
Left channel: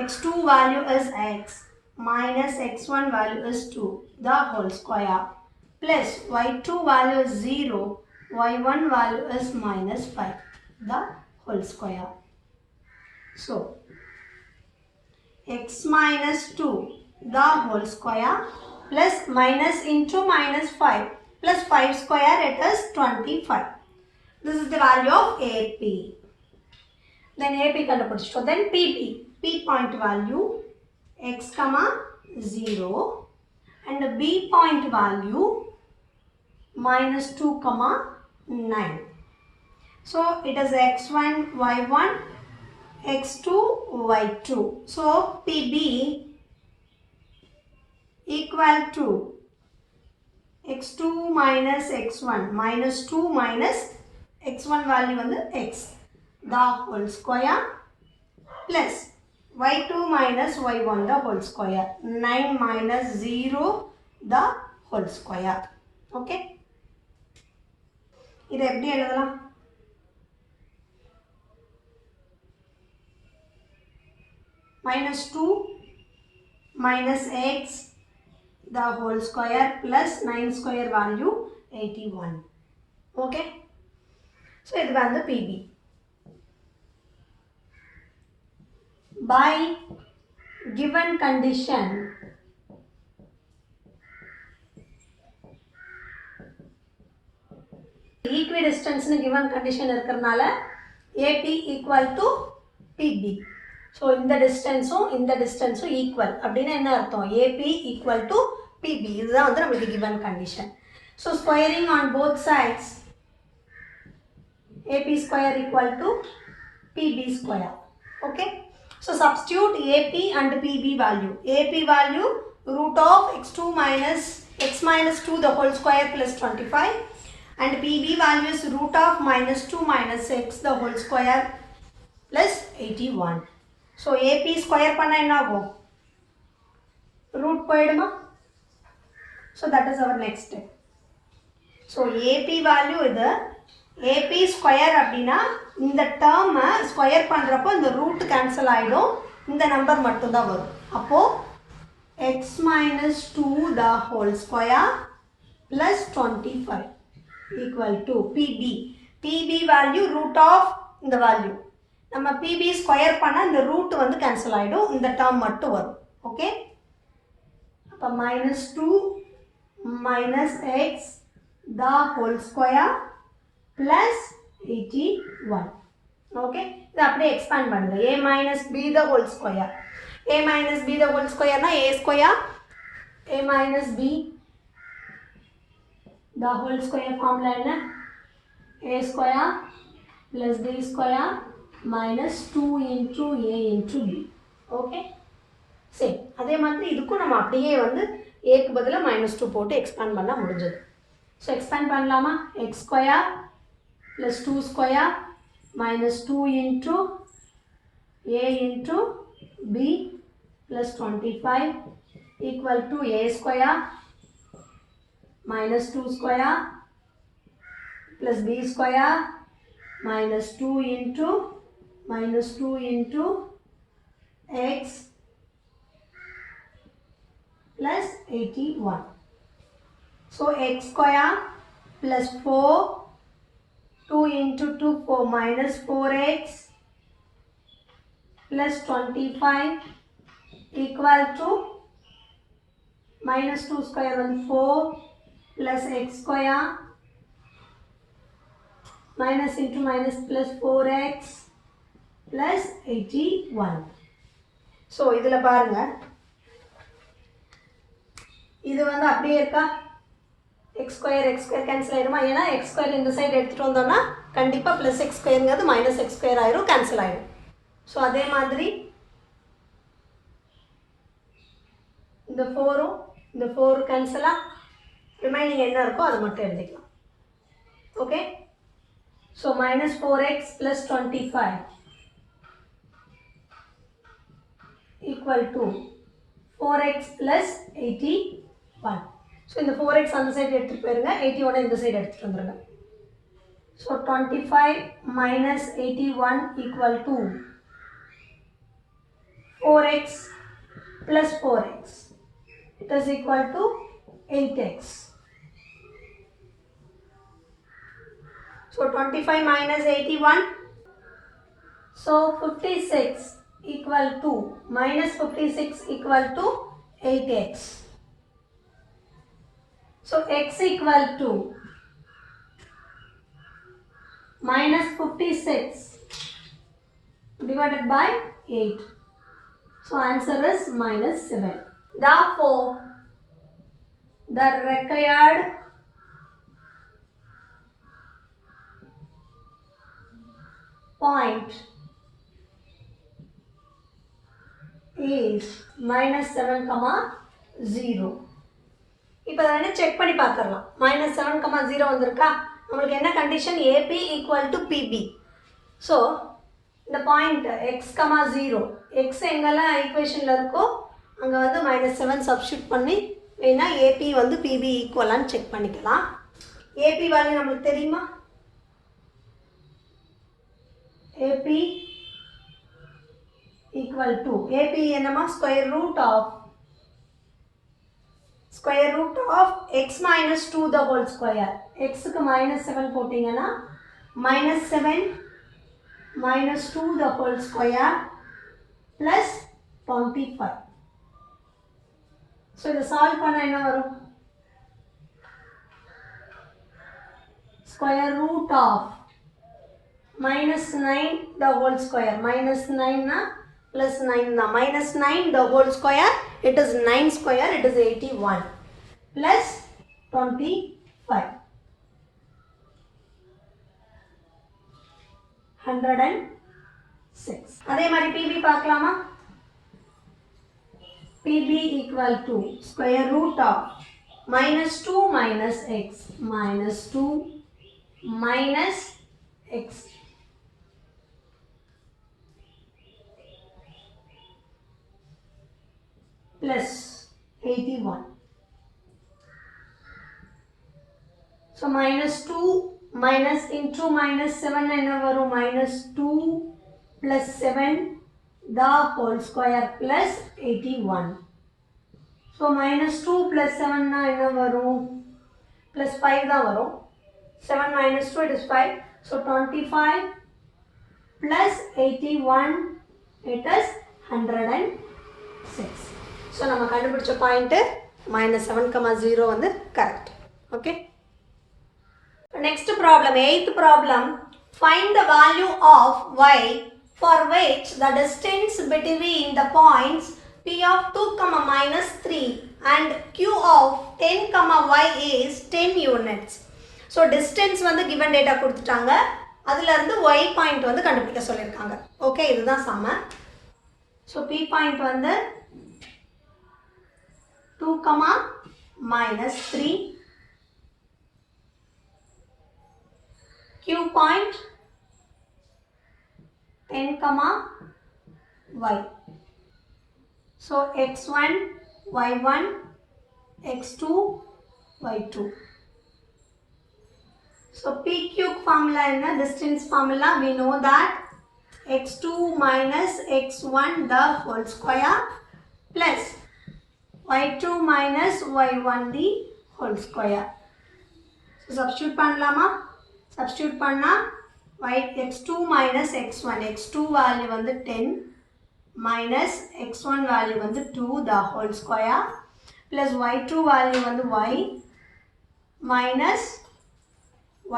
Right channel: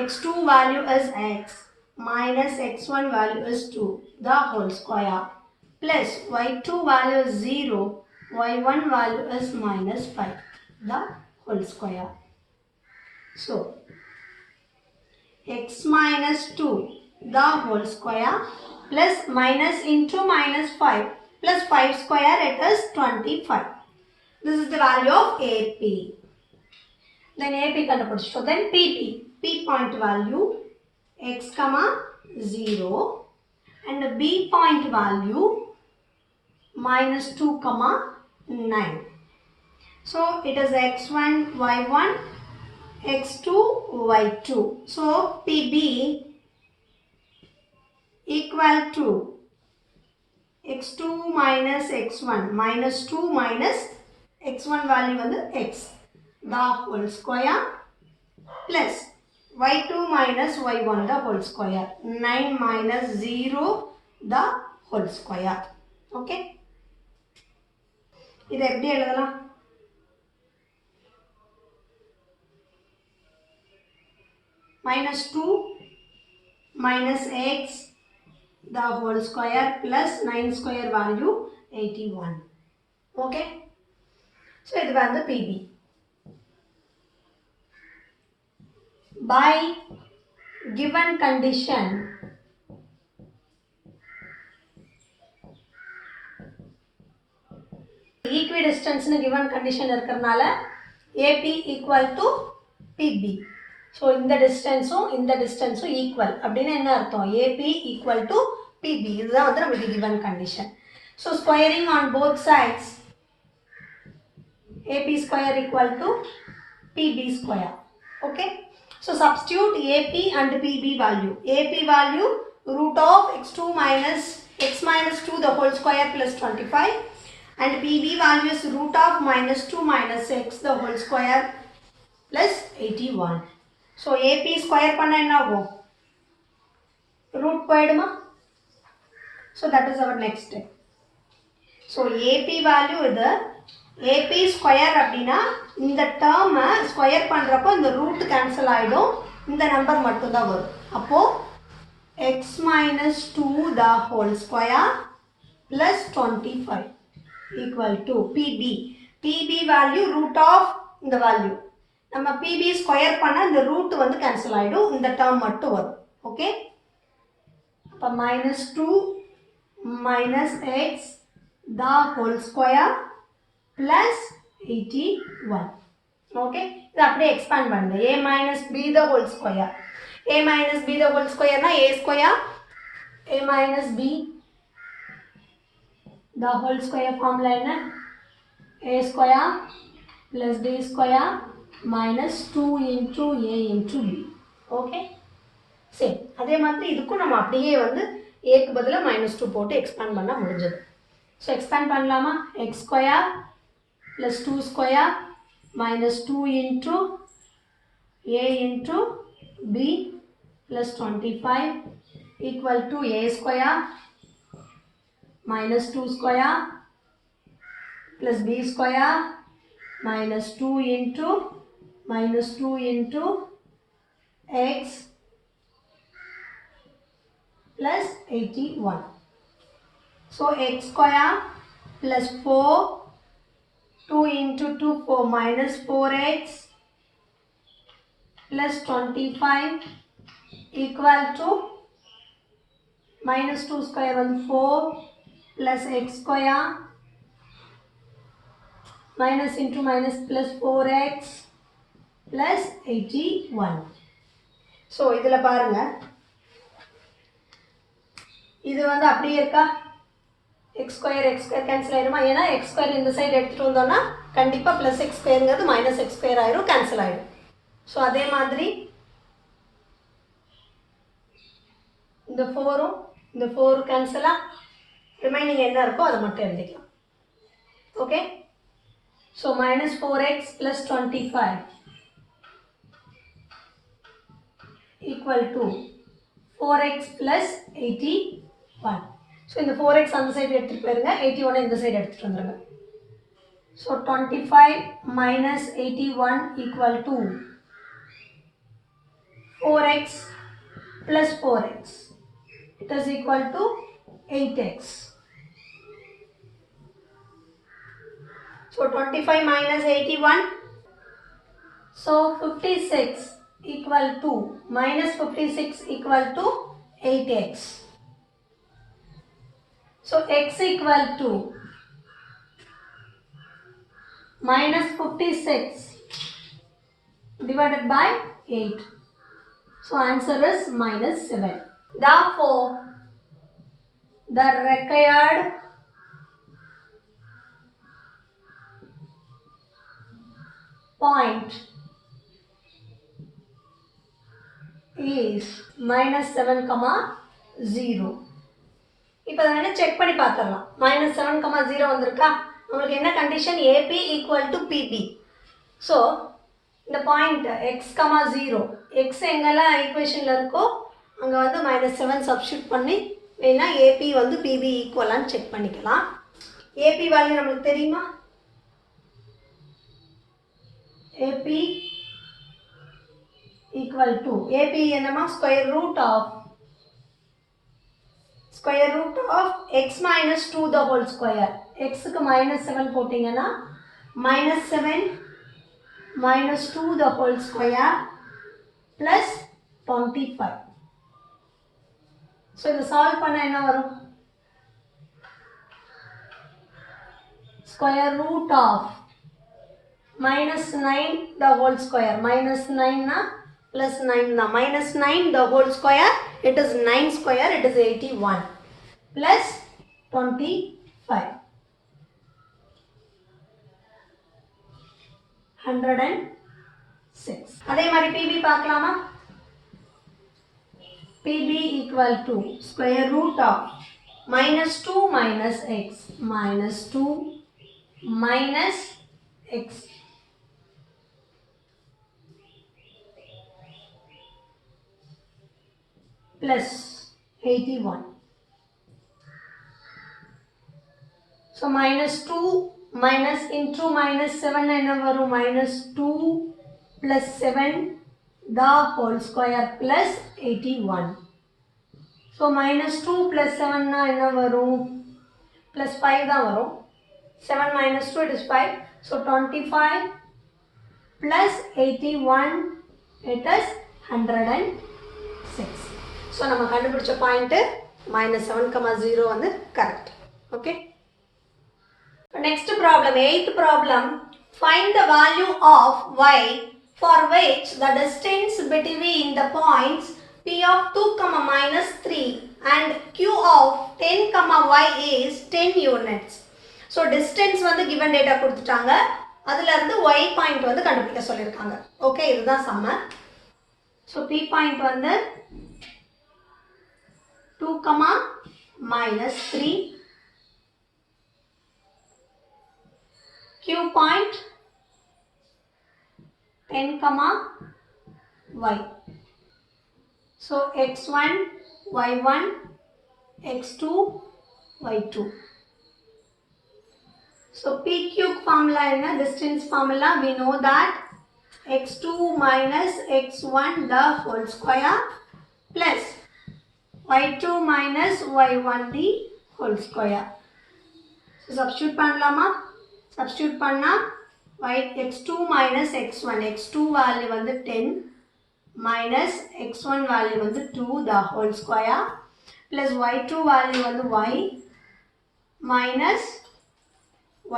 x2 value is x minus x1 value is 2 the whole square plus y2 value is 0, y1 value is minus 5 the whole square. So, x minus 2 the whole square plus minus into minus 5 plus 5 square, it is 25. This is the value of AP. Then AP கண்டுபிடிச்சிட்டோம். Then PP. P point value x, 0 and B point value minus 2, 9. So, it is x1, y1, x2, y2. So, PB equal to x2 minus x1 minus 2 minus x1 value வந்து x the whole square plus y2 minus y1 the whole square 9 minus 0 the whole square. Okay? இது எப்படி எழுதலாம்? minus 2 minus x the whole square plus 9 square value 81. Okay? So இது வந்து PB. By given condition, equidistance given condition இருக்கிறனால AP equal to PB. So இந்த டிஸ்டன்ஸும் ஈக்குவல் அப்படின்னு என்ன அர்த்தம்? AP equal to PB. இதுதான் வந்து நமக்கு given condition. So squaring on both sides AP square equal to PB square. Okay. So substitute AP and PB value. AP value root of x2 minus x minus 2 the whole square plus 25. And PB value is root of minus 2 minus x the whole square plus 81. So AP square panna enna agum? Root poiduma. So that is our next step. So AP value இது AP square அப்படின்னா இந்த டேர்மை ஸ்கொயர் பண்ணுறப்போ இந்த root cancel ஆகிடும், இந்த நம்பர் மட்டும்தான் வரும். அப்போது X minus 2 the whole square plus 25 equal to PB. PB value root of இந்த வேல்யூ நம்ம பிபி ஸ்கொயர் பண்ணால் இந்த ரூட் வந்து கேன்சல் ஆகிடும், இந்த டேர்ம் மட்டும் வரும். ஓகே, அப்போ மைனஸ் 2 மைனஸ் எக்ஸ் த ஹோல் ஸ்கொயர் plus 81. Okay, இது அப்படியே expand பண்ணுங்க. a minus b the whole square. a minus b the whole square na a square, a minus b the whole square formula என்ன? a square plus b square minus 2 into a into b. Okay, சரி, அதே மாதிரி இதுக்கும் நம்ம அப்படியே வந்து a க்கு பதிலா -2 போட்டு expand பண்ண முடிஞ்சது. So expand பண்ணலாமா? x square plus 2 square minus 2 into a into b plus 25 equal to a square minus 2 square plus b square minus 2 into x plus 81. So x square plus 4 2 into 2 4 minus 4x plus 25 equal to minus 2 square on 4 plus x square minus into minus plus 4x plus 81. So இதில பாருங்க, இது வந்து அப்படியே இருக்கா? x square cancel ஆயிடுமா? ஏன்னா x square இந்த சைடு எடுத்துட்டு வந்தோம்னா கண்டிப்பா plus x squareங்கிறது minus x square ஆயிரும், கேன்சல் ஆயிடும். ஸோ அதே மாதிரி இந்த 4 கேன்சலா, ரிமைனிங் என்ன இருக்கோ அதை மட்டும் எழுதிக்கலாம். Okay, so minus 4x plus 25 equal to 4x plus 81. ஸோ இந்த 4x அந்த சைடு எடுத்துகிட்டு போயிருங்க, 81 இந்த சைடு எடுத்துகிட்டு வந்துடுங்க. ஸோ 25 minus 81 equal to 4x plus 4x. It is equal to 8x. So 25 minus 81. So 56 equal to minus 56 equal to 8x. So x equal to minus 56 divided by 8. So answer is minus 7. Therefore, the required point is minus 7, 0. இப்போ அதை செக் பண்ணி பார்த்துடலாம். -7, 0 வந்திருக்கா? உங்களுக்கு என்ன condition? AP equal to PB. So இந்த point x, 0, X எங்கெல்லாம் ஈக்குவேஷனில் இருக்கோ அங்கே வந்து -7 சப்ஸ்டியூட் பண்ணி வேணா AP வந்து பிபி ஈக்குவலான்னு செக் பண்ணிக்கலாம். AP வேல்யூ நம்மளுக்கு தெரியுமா? AP ஈக்குவல் டு AP என்னமா? Square root of x minus 2 the whole square. X க்கு -7 போட்டிங்கன்னா minus 7 minus 2 the whole square plus 25. So, this solve பண்ண என்ன வரும்? Square root of minus 9 the whole square. Minus 9 na plus 9 na. Minus 9 the whole square. It is 9 square. It is 81 plus 25. 106. அதே மாதிரி PB பார்க்கலாமா? PB equal to square root of minus 2 minus x minus 2 minus x plus 81. So minus 2 minus into minus 7 என்ன வரும்? minus 2 plus 7 the whole square plus 81. So minus 2 plus 7 na என்ன வரும்? plus 5 தான் வரும். 7 minus 2 it is 5. So 25 plus 81 it is 106. So நம்ம கண்டுபிடிச்ச பாயிண்ட் minus 7,0 வந்து correct. Okay. Next problem, 8th problem. Find the value of y for which the distance between the points p of 2, minus 3 and q of 10, y is 10 units. So distance வந்து given data கொடுத்துட்டாங்க. அதுல இருந்து y point வந்து கண்டுபிடிக்க சொல்லிருக்காங்க. Okay, இதுதான் சம. So p point வந்து 2, minus 3. Q point 10, y. So x1, y1, x2, y2. So PQ formula in a distance formula, we know that x2 minus x1 the whole square plus y2 minus y1 the whole square. So substitute பண்ணலாமா? Substitute பண்ணா x2 minus x1, x2 value வந்து 10 minus x1 value வந்து 2 the whole square plus y2 value வந்து y minus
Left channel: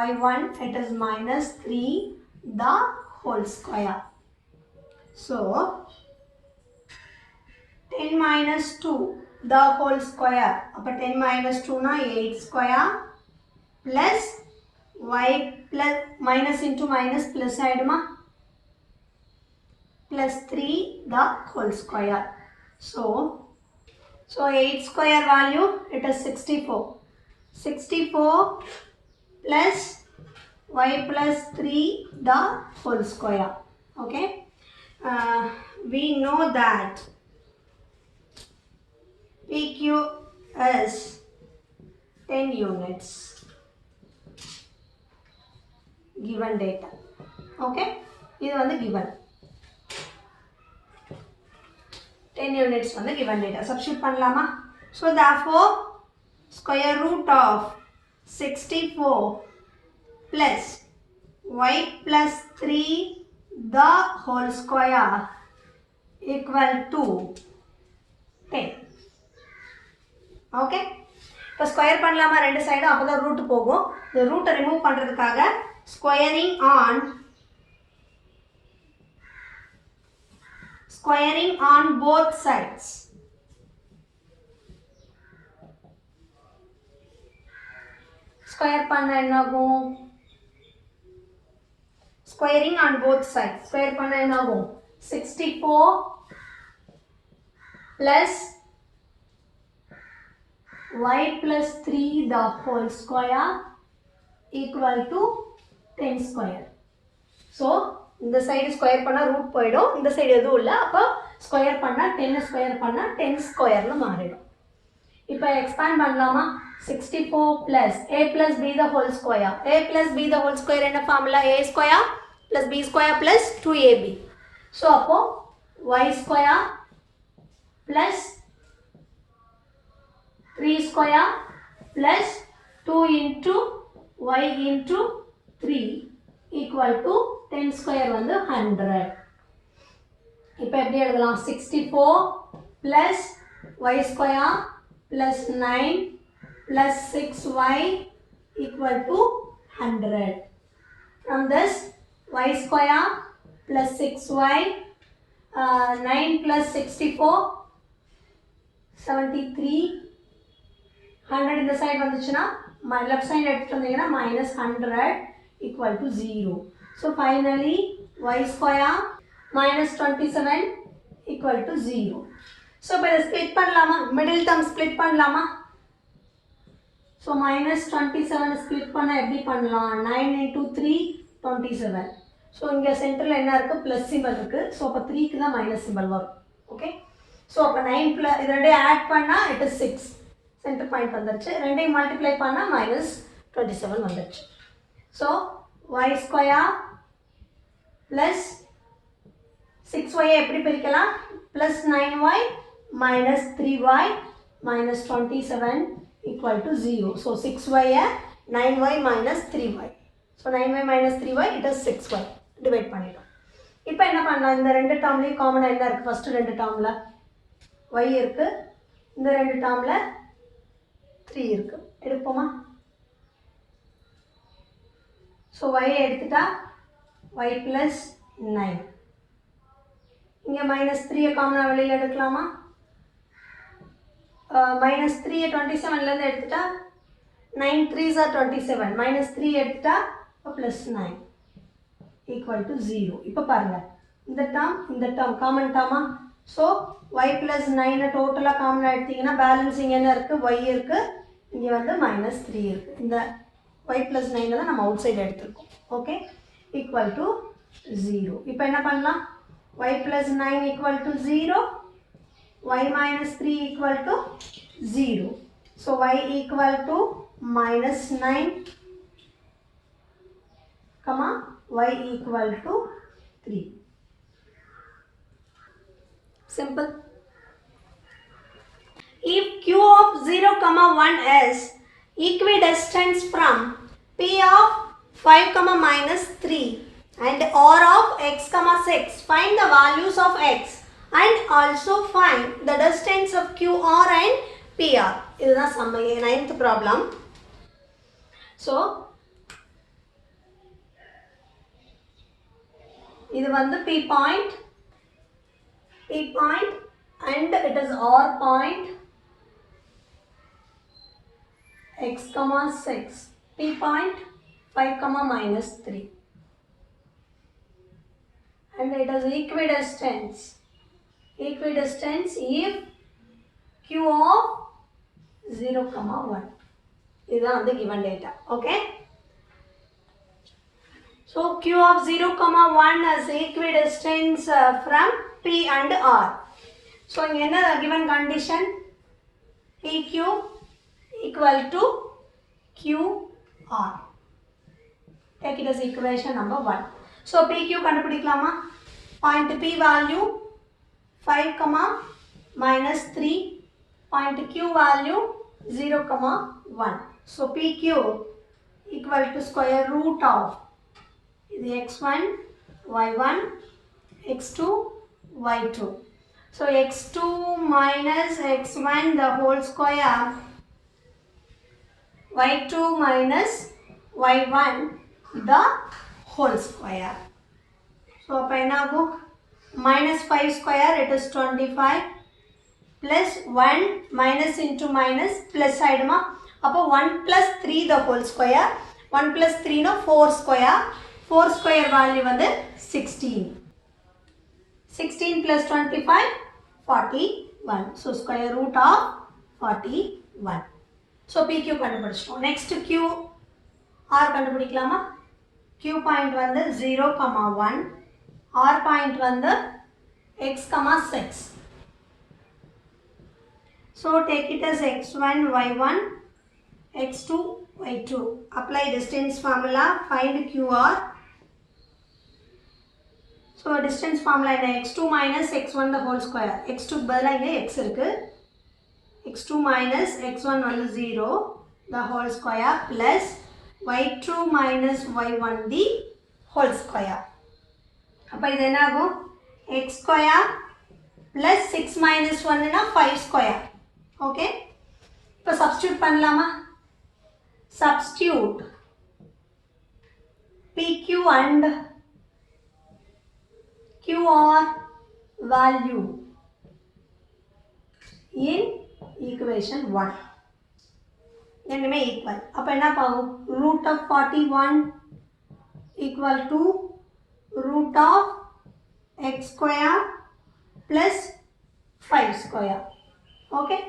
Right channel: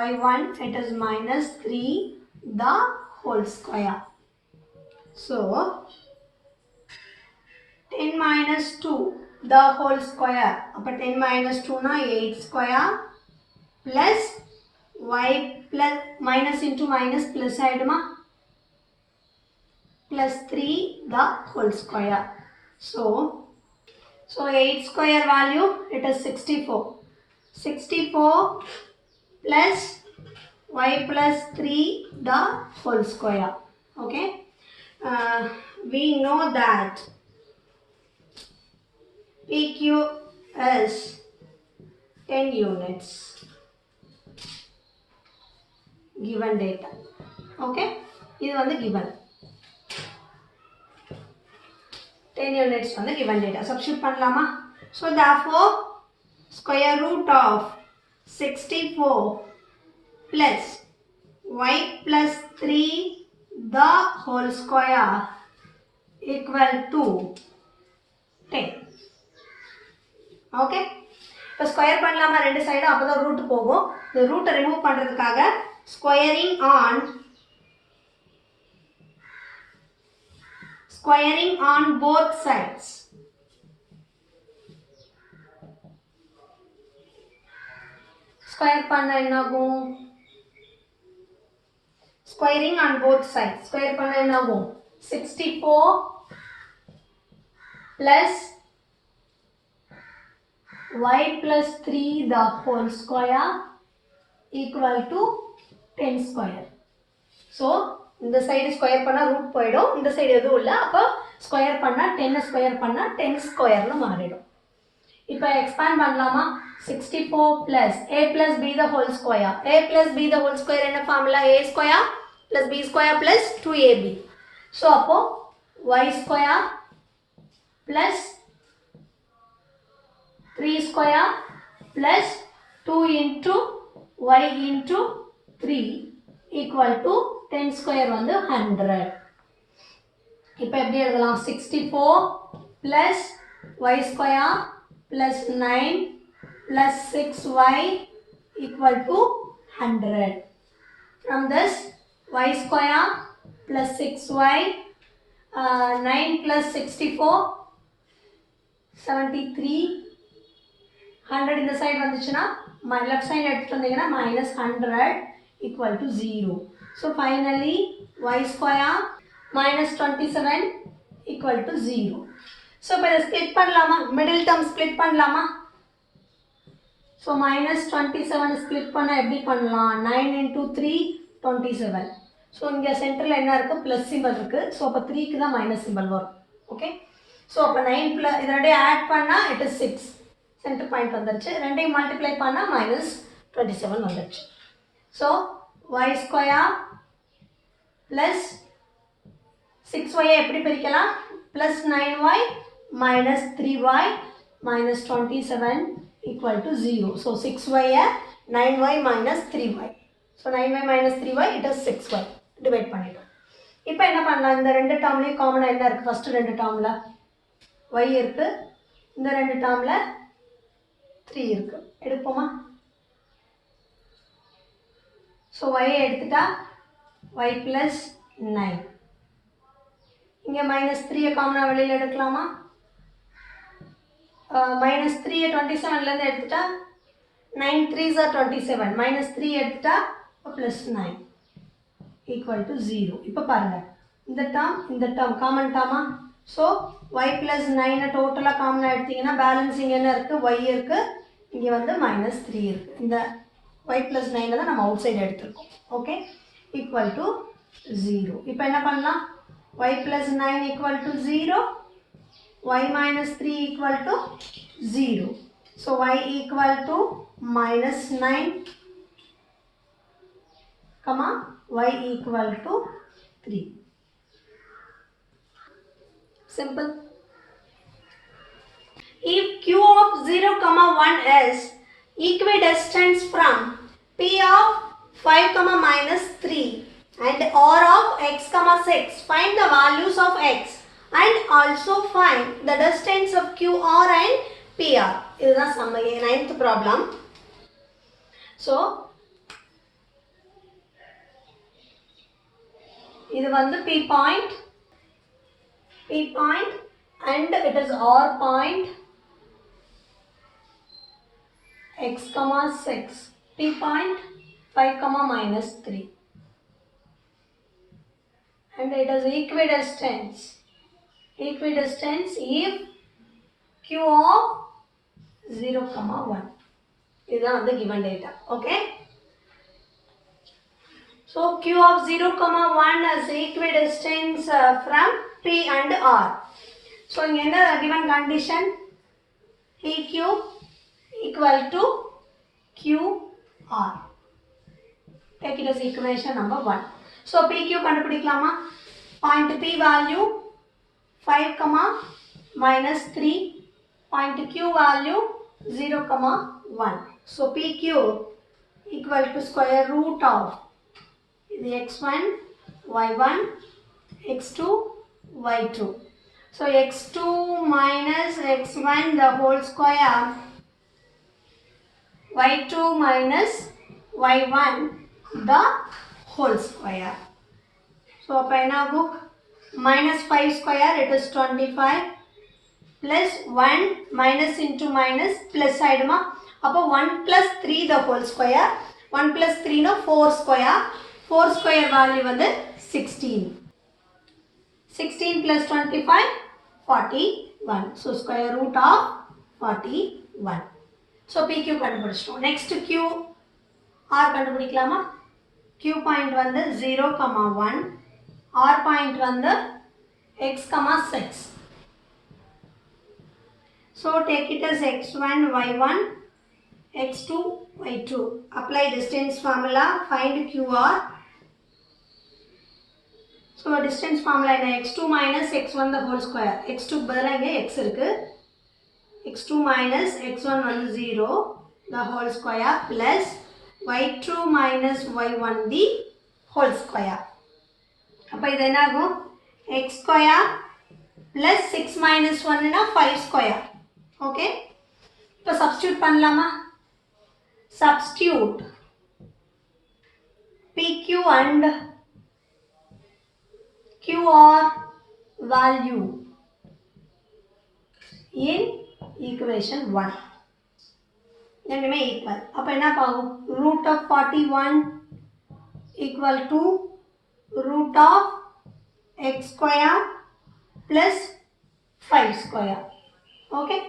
y1 it is minus 3 the whole square. So 10 minus 2 the whole square. அப்ப 10 minus 2 na 8 square plus y plus minus into minus plus ஆயிடுமா? plus 3 the whole square. So 8 square value it is 64. 64 plus y plus 3 the whole square. Okay. We know that PQ is 10 units. Given data. Okay. இது வந்து given. 10 units வந்து given data. Substitute பண்ணலாமா? So therefore square root of 64 plus y plus 3 the whole square equal to 10. Okay. இப்போ ஸ்கொயர் பண்ணலாமா ரெண்டு சைடும்? அப்போ தான் ரூட் போகும். இந்த ரூட்டை ரிமூவ் பண்ணுறதுக்காக squaring on both sides. Square பண்ணா என்ன ஆகும்? Squaring on both sides. Square பண்ணா என்ன ஆகும்? 64 plus y plus 3 the whole square equal to 10 square. So இந்த சைடு ஸ்கொயர் பண்ணா ரூட் போயிடும். இந்த சைடு எதுவும் இல்லை. அப்போ ஸ்கொயர் பண்ணா 10 ஸ்கொயர் பண்ணா 10 ஸ்கொயர்னு மாறிடும். இப்போ எக்ஸ்பேண்ட் பண்ணலாமா? 64 plus a plus b the whole square. a plus b the whole square என்ன formula? a square plus b square plus 2ab. So அப்போ y square plus 3 square plus 2 into y into 3 equal to 10 square வந்து 100. இப்போ எப்படி எழுதலாம் 64 plus y square plus 9 plus 6y equal to 100. From this y square plus 6y 9 plus 64 73 100 இந்த சைடு வந்துச்சுன்னா left side எடுத்துட்டு வந்தீங்கன்னா minus 100 equal to 0. So finally y square minus 27 equal to 0. So இப்போ இதை split பண்ணலாமா middle term split பண்ணலாமா so minus 27 split பண்ணா எப்படி பண்ணலாம் 9 into 3 27. so இங்க சென்டர்ல என்ன இருக்கு plus symbol இருக்கு so அப்ப 3 க்கு தான் minus symbol வரும் okay so அப்ப 9 plus இது ரெண்டையும் add பண்ணா it is 6 center point வந்துருச்சு ரெண்டையும் multiply பண்ணா minus 27 வந்துருச்சு so y square plus 6y எப்படி பிரிக்கலாம் plus 9y minus 3y minus 27 equal to 0. So 6y 9y minus 3y. So 9y minus 3y it is 6y. Divide பண்ணிட்டோம் இப்போ என்ன பண்ணலாம் இந்த ரெண்டு டேர்ம்லயும் காமனா என்ன இருக்கு ஃபர்ஸ்ட் ரெண்டு டேர்ம்ல y இருக்கு இந்த ரெண்டு டேர்ம்ல 3 இருக்கு எடுப்போமா so y எடுத்துட்டா y plus 9 இங்க minus 3 காமனா வெளியில எடுக்கலாமா minus 3 27 ல இருந்து எடுத்துட்டா 9 3s are 27 minus 3 எடுத்துட்டா plus 9 equal to 0 இப்போ பாருங்க இந்த term காமன் டேர்மா so y plus 9 டோட்டலா காமனா எடுத்தீங்கன்னா பேலன்ஸ் இங்க என்ன இருக்கு y இருக்கு இங்க வந்து minus 3 இருக்கு இந்த y plus 9 தான் நம்ம அவுட் சைடு எடுத்துறோம் ஓகே equal to 0 இப்போ என்ன பண்ணலாம் y plus 9 equal to 0 y minus 3 equal to 0 so y equal to minus 9 comma y equal to 3 simple if q of 0 comma 1 is equidistant from p of 5 comma minus 3 and r of x comma 6 find the values of x and also find the distance of qr and pr இதுதான் நம்ம 9th problem so இது வந்து p point and it is r point x comma 6 p point 5 comma minus 3 and it is equidistance if q of 0 comma 1 இதுதான் வந்து given data okay so q of 0 comma 1 is equidistance from p and r so இங்க என்ன given condition pq equal to qr take it as equation number 1 so pq கண்டுபிடிக்கலாமா point p value 5 comma minus 3 point q value 0 comma 1 so pq equal to square root of the x1 y1 x2 y2 so x2 minus x1 the whole square y2 minus y1 the whole square so அப்ப என்ன ஆகும் minus 5 square it is 25 plus 1 minus into minus plus ஆயிடுமா அப்போ 1 plus 3 the whole square 1 plus 3 no 4 square 4 square value வந்து 16 16 plus 25 41 so square root of 41 so pq கண்டுபிடிச்சிட்டோம் next q r கண்டுபிடிக்கலாமா q point வந்து 0 comma 1 r point வந்து x comma 6 so take it as x1 y1 x2 y2 apply distance formula find qr so distance formula என்ன x2 minus x1 the whole square x2 பதிலா இங்க x இருக்கு x2 minus x1 வந்து 0 the whole square plus y2 minus y1 the whole square. அப்போ இது என்ன ஆகும் x square plus 6 minus 1 னா 5 square. ஓகே இப்போ substitute பண்ணலாமா substitute pq and qr value in equation 1 ரெண்டுமே equal. அப்போ என்ன ஆகும் root of 41 equal to root of x square plus 5 square. Okay.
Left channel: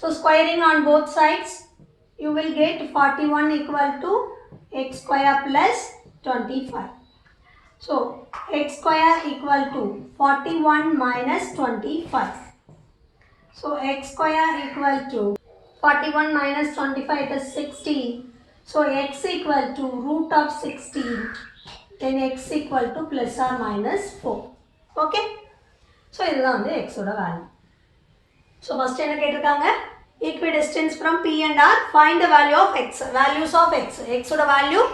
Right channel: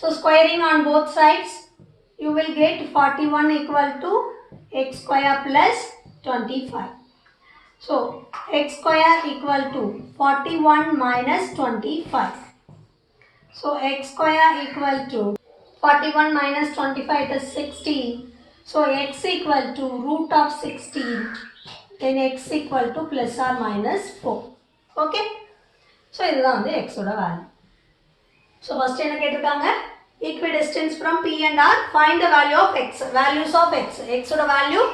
So squaring on both sides, you will get 41 equal to x square plus 25. So x square equal to 41 minus 25. So x square equal to 41 minus 25 it is 16. So x equal to root of 16. Then x equal to plus or minus 4. Okay. So this is the x value. So first என்ன கேட்டிருக்காங்க equidistance from P and R, find the value of x, values of x. X ஓட value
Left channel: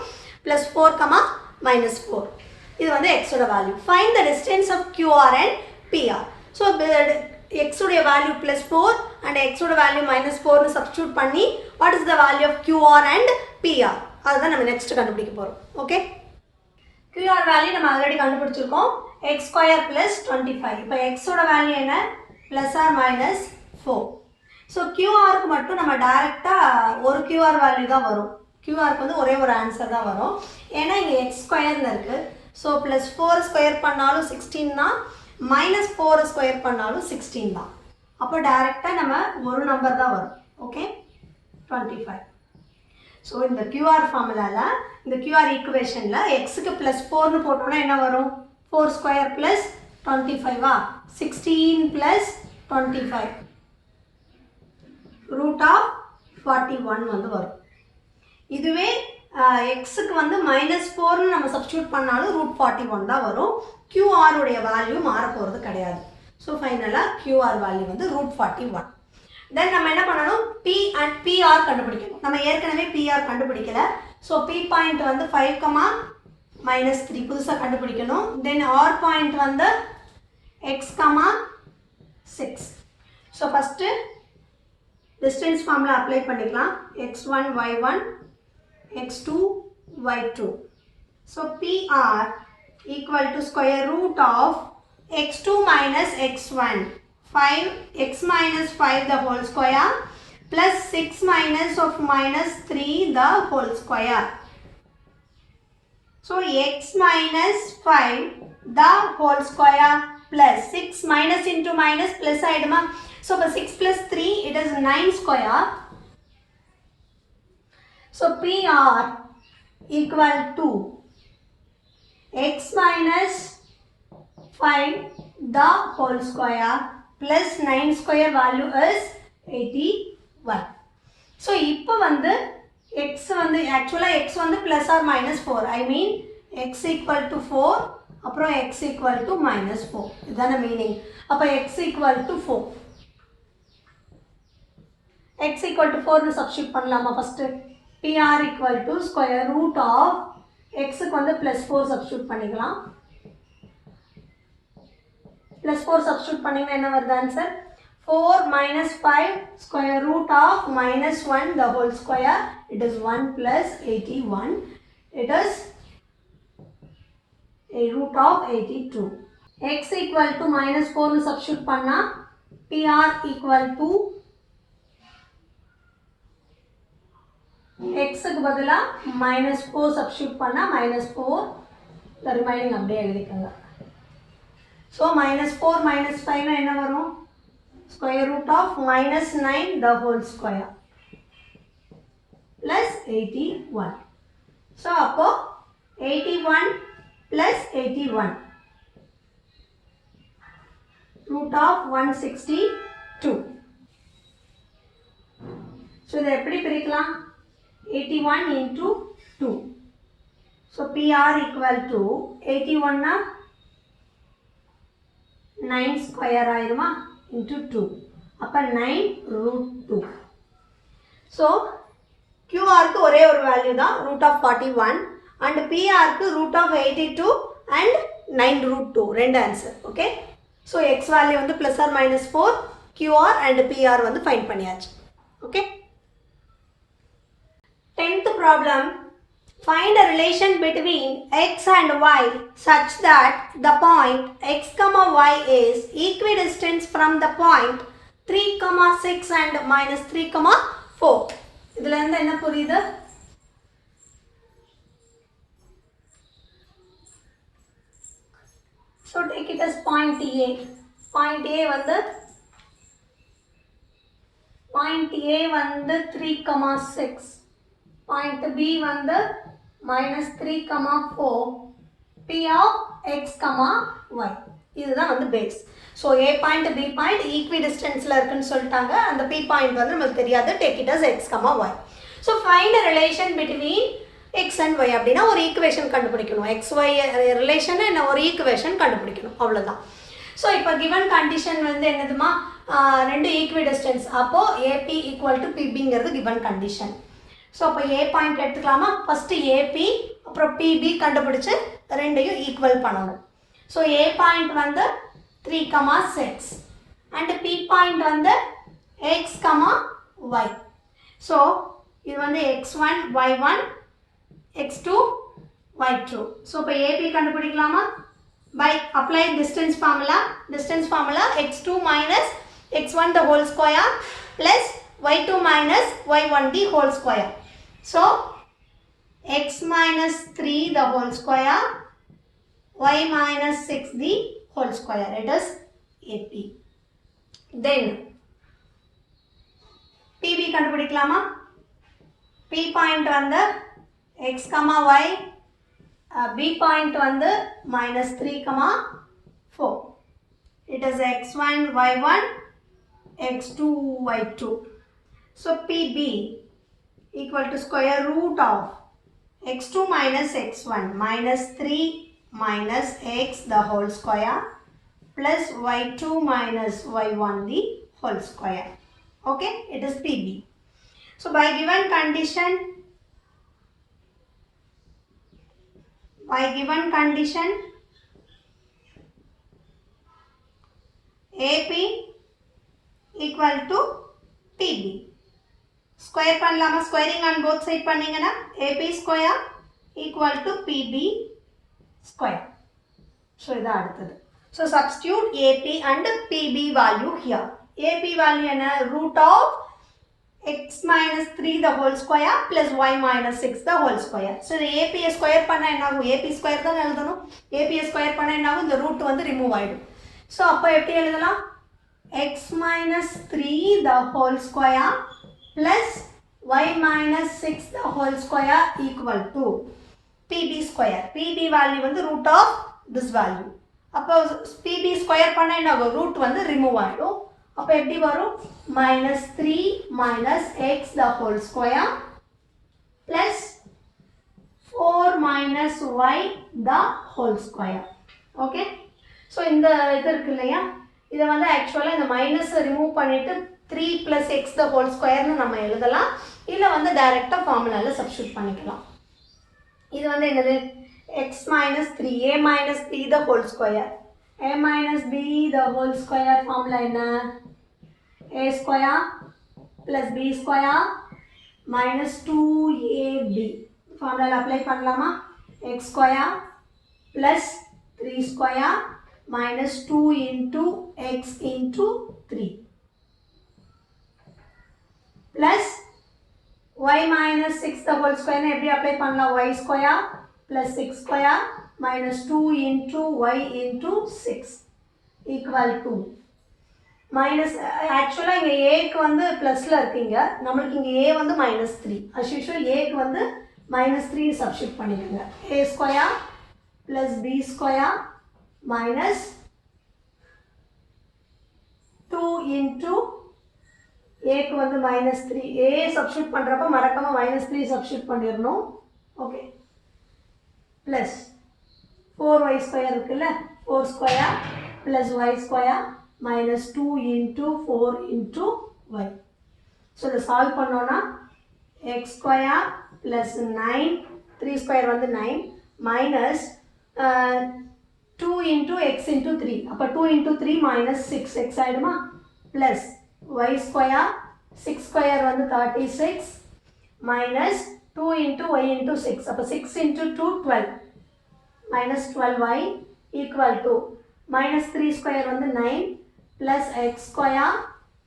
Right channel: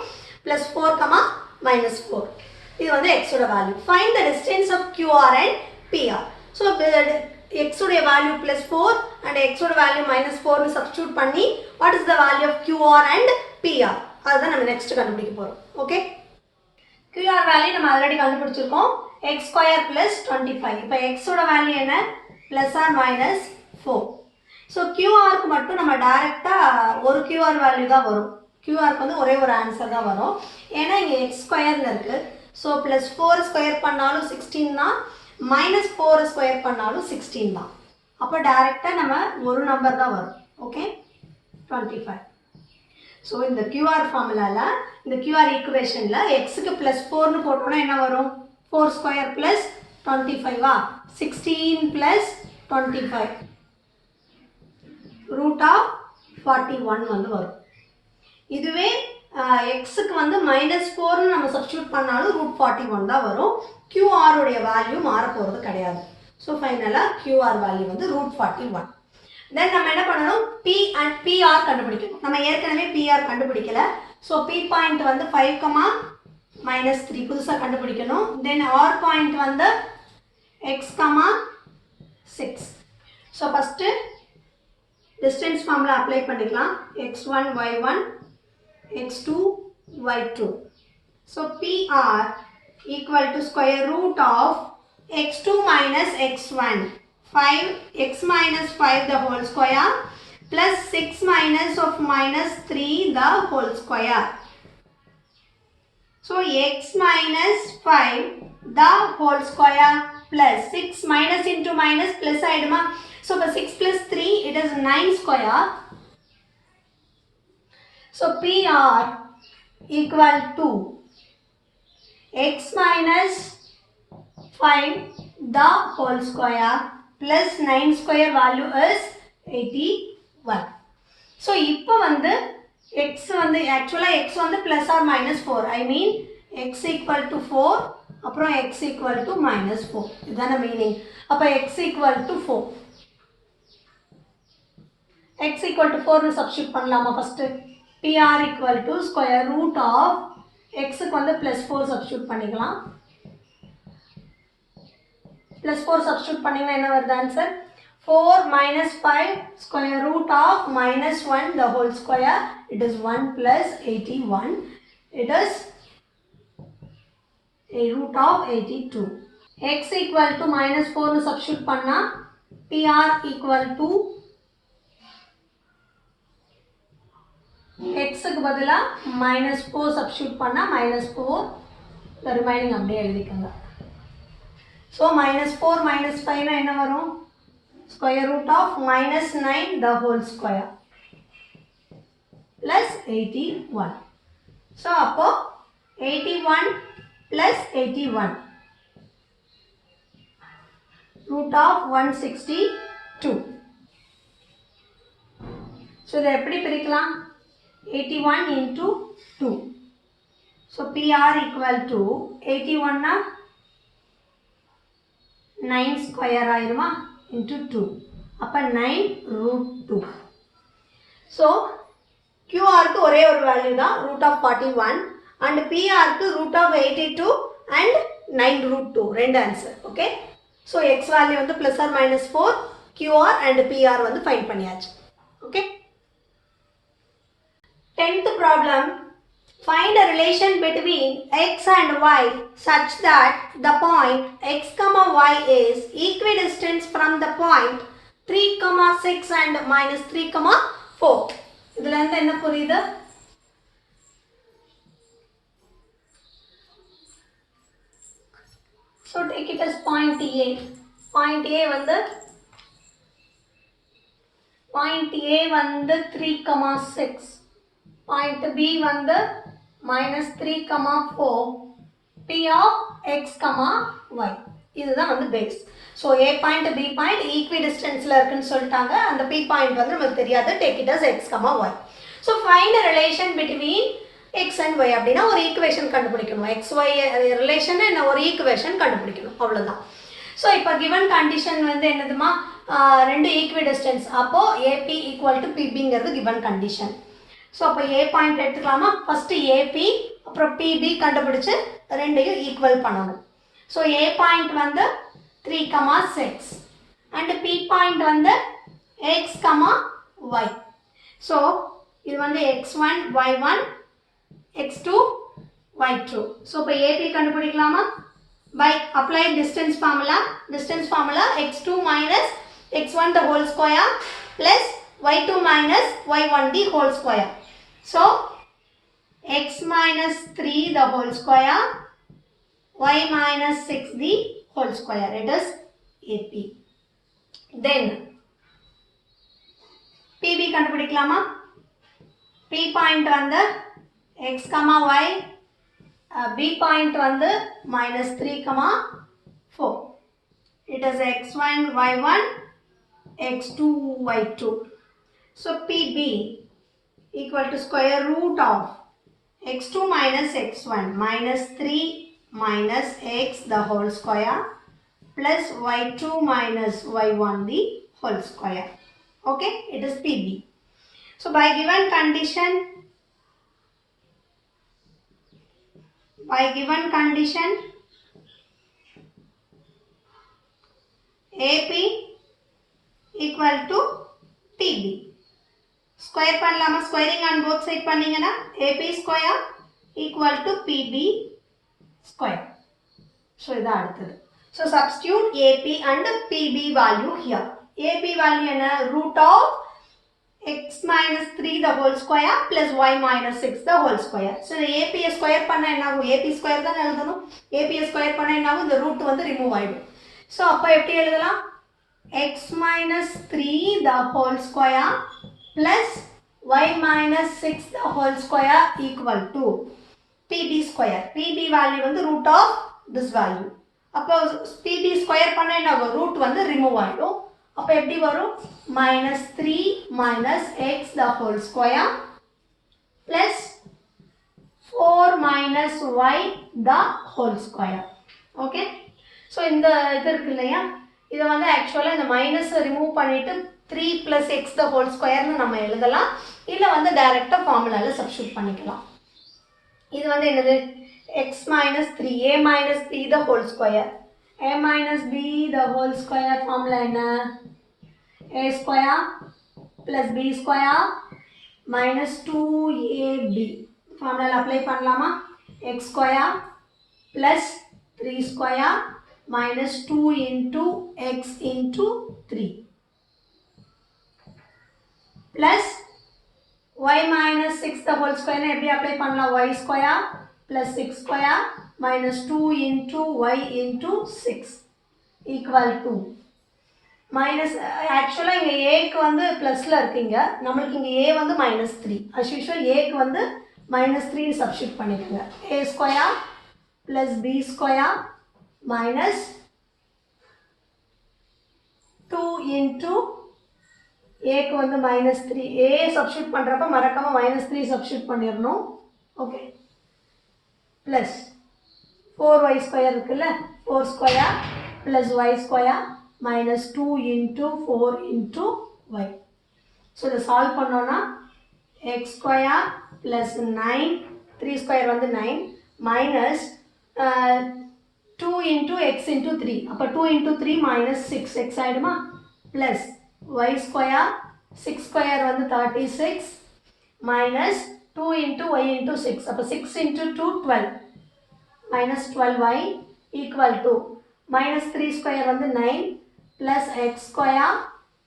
plus 4, minus 4. இது வந்து x ஓட value. Find the distance of QR and PR. So x ஓட value plus 4 and x ஓட value minus 4 னு substitute பண்ணி what is the value of QR and PR? அதுதான் நம்ம next கண்டுபிடிக்க போறோம். Okay? QR value நம்ம already கண்டுபிடிச்சிருக்கோம் x square plus 25. இப்போ x ஓட value என்ன plus or minus 4. So QR க்கு மட்டும் நம்ம டைரக்டா ஒரு QR வேல்யூ தான் வரும். QR க்கு வந்து ஒரே ஒரு ஆன்சர் தான் வரும். ஏன்னா இங்க x ஸ்கொயர்ல இருக்கு. So plus 4 ஸ்கொயர் பண்ணாலும் 16 தான், minus 4 ஸ்கொயர் பண்ணாலும் 16 தான். அப்போ டைரக்டா நம்ம ஒரு நம்பர் தான் வரும். ஓகே 25. So இந்த QR ஃபார்முலால இந்த QR ஈக்குவேஷன்ல x க்கு plus 4 னு போட்டோம்னா என்ன வரும் 4 ஸ்கொயர் plus 25 ஆ 16 plus 25 root of 41 வந்து வரும். இதுவே x க்கு வந்து minus 4 னு நம்ம சப்ஸ்டிட்யூட் பண்ணாலும் root 41 தான் வரும். QR உடைய வேல்யூ மாற போறது கிடையாது. ஸோ ஃபைனலாக QR வேல்யூ வந்து root 41. தென் நம்ம என்ன பண்ணணும் P and PR கண்டுபிடிக்கணும். நம்ம ஏற்கனவே PR கண்டுபிடிக்கல. ஸோ P பாயிண்ட் வந்து 5, minus 3 புதுசாக கண்டுபிடிக்கணும். தென் R பாயிண்ட் வந்து x, 6. So first distance formula apply பண்ணிக்கலாம் x1 y1 x2 y2. So PR equal to square root of x2 minus x1 5 x minus 5 the whole square plus 6 minus of minus 3 the whole square. So x minus 5 the whole square plus 6 minus into minus plus ஆயிடுமா. So for 6 plus 3 it is 9 square. So PR equal to x minus 5 the whole square plus 9 square value is 81. So இப்போ வந்து x வந்து actually x வந்து plus or minus 4. I mean x equal to 4 அப்புறம் x equal to minus 4. இதான meaning. அப்போ x equal to 4. x equal to 4 னு சப்ஸ்டிட்யூட் பண்ணலாமா first PR equal to square root of x க்கு வந்து plus 4 சப்ஸ்டிட்யூட் பண்ணிக்கலாம். plus 4 சப்ஸ்டிட்யூட் பண்ணீங்கன்னா என்ன வருது ஆன்சர் 4 minus 5 square root of minus 1 the whole square it is 1 plus 81 it is a root of 82. x equal to minus 4 னு சப்ஸ்டிட்யூட் பண்ணா PR equal to x க்கு பதிலா minus 4 substitute பண்ணா minus 4 the remaining அப்படியே எழுதிக்கங்க. So minus 4 minus 5 னா என்ன வரும் square root of minus 9 the whole square plus 81. So அப்போ 81 plus 81 root of 162. So இதை எப்படி பிரிக்கலாம் 81 into 2. So PR equal to 81 na 9 square ஆயிருமா into 2. அப்ப 9 root 2. So QRக்கு ஒரே ஒரு வேல்யூ தான் root of 41 and PRக்கு root of 82 and 9 root 2 ரெண்டு answer. Okay, so x value வந்து plus or minus 4, QR and PR வந்து ஃபைண்ட் பண்ணியாச்சு. Okay, 10th problem. Find a relation between x and y such that the point x comma y is equidistant from the point 3 comma 6 and minus 3 comma 4. இதுல இருந்து என்ன புரியுது? So take it as point A. Point A வந்து 3 comma 6. Point B வந்து minus 3 comma 4. P of x comma y. இதுதான் வந்து base. So A point B point ஈக்விடிஸ்டன்ஸில் இருக்குன்னு சொல்லிட்டாங்க. அந்த P பாயிண்ட் வந்து நமக்கு தெரியாது. Take it as x comma y. So find a relation between x and y அப்படின்னா ஒரு ஈக்குவேஷன் கண்டுபிடிக்கணும். XY ரிலேஷனை என்ன ஒரு ஈக்குவேஷன் கண்டுபிடிக்கணும், அவ்வளோதான். ஸோ இப்போ கிவன் கண்டிஷன் வந்து என்னதுமா, ரெண்டு ஈக்விடிஸ்டன்ஸ். அப்போது AP ஈக்குவல் டு PBங்கிறது கிவன் கண்டிஷன். ஸோ அப்போ A பாயிண்ட் எடுத்துக்கலாமா? ஃபஸ்ட்டு AP அப்புறம் PB கண்டுபிடிச்சு ரெண்டையும் ஈக்குவல் பண்ணணும். ஸோ A பாயிண்ட் வந்து 3, 6 and P பாயிண்ட் வந்து x, y. ஸோ இது வந்து x1, y1, x2, y2. So இப்போ AP கண்டுபிடிக்கலாமா? by applying distance formula x2 minus x1 the whole square plus y2 minus y1 the whole square. So x minus 3 the whole square, y minus 6 the whole square. It is AP. Then PB கண்டுபிடிக்கலாமா? P point வந்து x, y, B point வந்து minus 3, 4. It is x1, y1, x2, y2. So PB equal to square root of x2 minus x1 minus 3 minus x the whole square plus y2 minus y1 the whole square. Okay, it is PB. So by given condition AP equal to PB. Square பண்ணலாமா? Squaring on both side பண்ணீங்கன்னா AP square equal to PB square. So இதான் அடுத்தது. So substitute AP and PB value here. AP value என்ன? root of x minus 3 the whole square plus y minus 6 the whole square. So AP square பண்ண என்ன ஆகும்? AP square தான் எழுதணும். AP square பண்ண என்ன ஆகும்? இந்த ரூட் வந்து ரிமூவ் ஆகிடும். ஸோ அப்போ எப்படி எழுதலாம்? x minus 3 the whole square plus y minus 6 the whole square equal to PB square. PB value வந்து root of this value. அப்போ PB ஸ்கொயர் பண்ண என்ன ஆகும்? ரூட் வந்து ரிமூவ் ஆகிடும். அப்போ எப்படி வரும்? minus 3 minus x the whole square plus 4 minus y the whole square. Okay, so இந்த இது இருக்கு இல்லையா, இதை வந்து ஆக்சுவலாக இந்த மைனஸை ரிமூவ் பண்ணிவிட்டு 3 plus x the whole squareனு நம்ம எழுதலாம். இல்லை வந்து டைரெக்டாக ஃபார்முலாவில் சப்ஸ்டியூட் பண்ணிக்கலாம். இது வந்து என்னது? x minus 3, a minus b the whole square. a minus b the whole square formula என்ன? a square plus b square minus 2ab. ஃபார்முலாவில் அப்ளை பண்ணலாமா? x square plus 3 square minus 2 into x into 3 plus y minus 6 the whole square எப்படி அப்ளை பண்ணலாம்? y square plus 6 square minus 2 into y into 6 equal to minus. ஆக்சுவலாக இங்கே ஏக்கு வந்து ப்ளஸில் இருக்குங்க, நம்மளுக்கு இங்கே ஏ வந்து minus 3. as usual ஏக்கு வந்து minus 3 சப்ஸ்டியூட் பண்ணிக்கோங்க. a square plus b square minus 2 into ஏக்கு வந்து மைனஸ் 3. ஏ சப்ஸ்டியூட் பண்ணுறப்ப மறக்காமல் minus 3 சப்ஸ்டியூட் பண்ணிடணும். ஓகே, ப்ளஸ் 4y ஸ்கொயர் இருக்குல்ல, 4 square plus y square minus 2 into 4 into y. ஸோ இதை சால்வ் பண்ணோன்னா x square plus 9, 3 square வந்து 9 minus 2 into x into 3. அப்போ 2 into 3 minus 6 x ஆயிடுமா plus y square 6 square வந்து 36 minus 2 into y into 6. அப்போ 6 into 2 12 minus 12y equal to minus 3 square வந்து 9 plus x square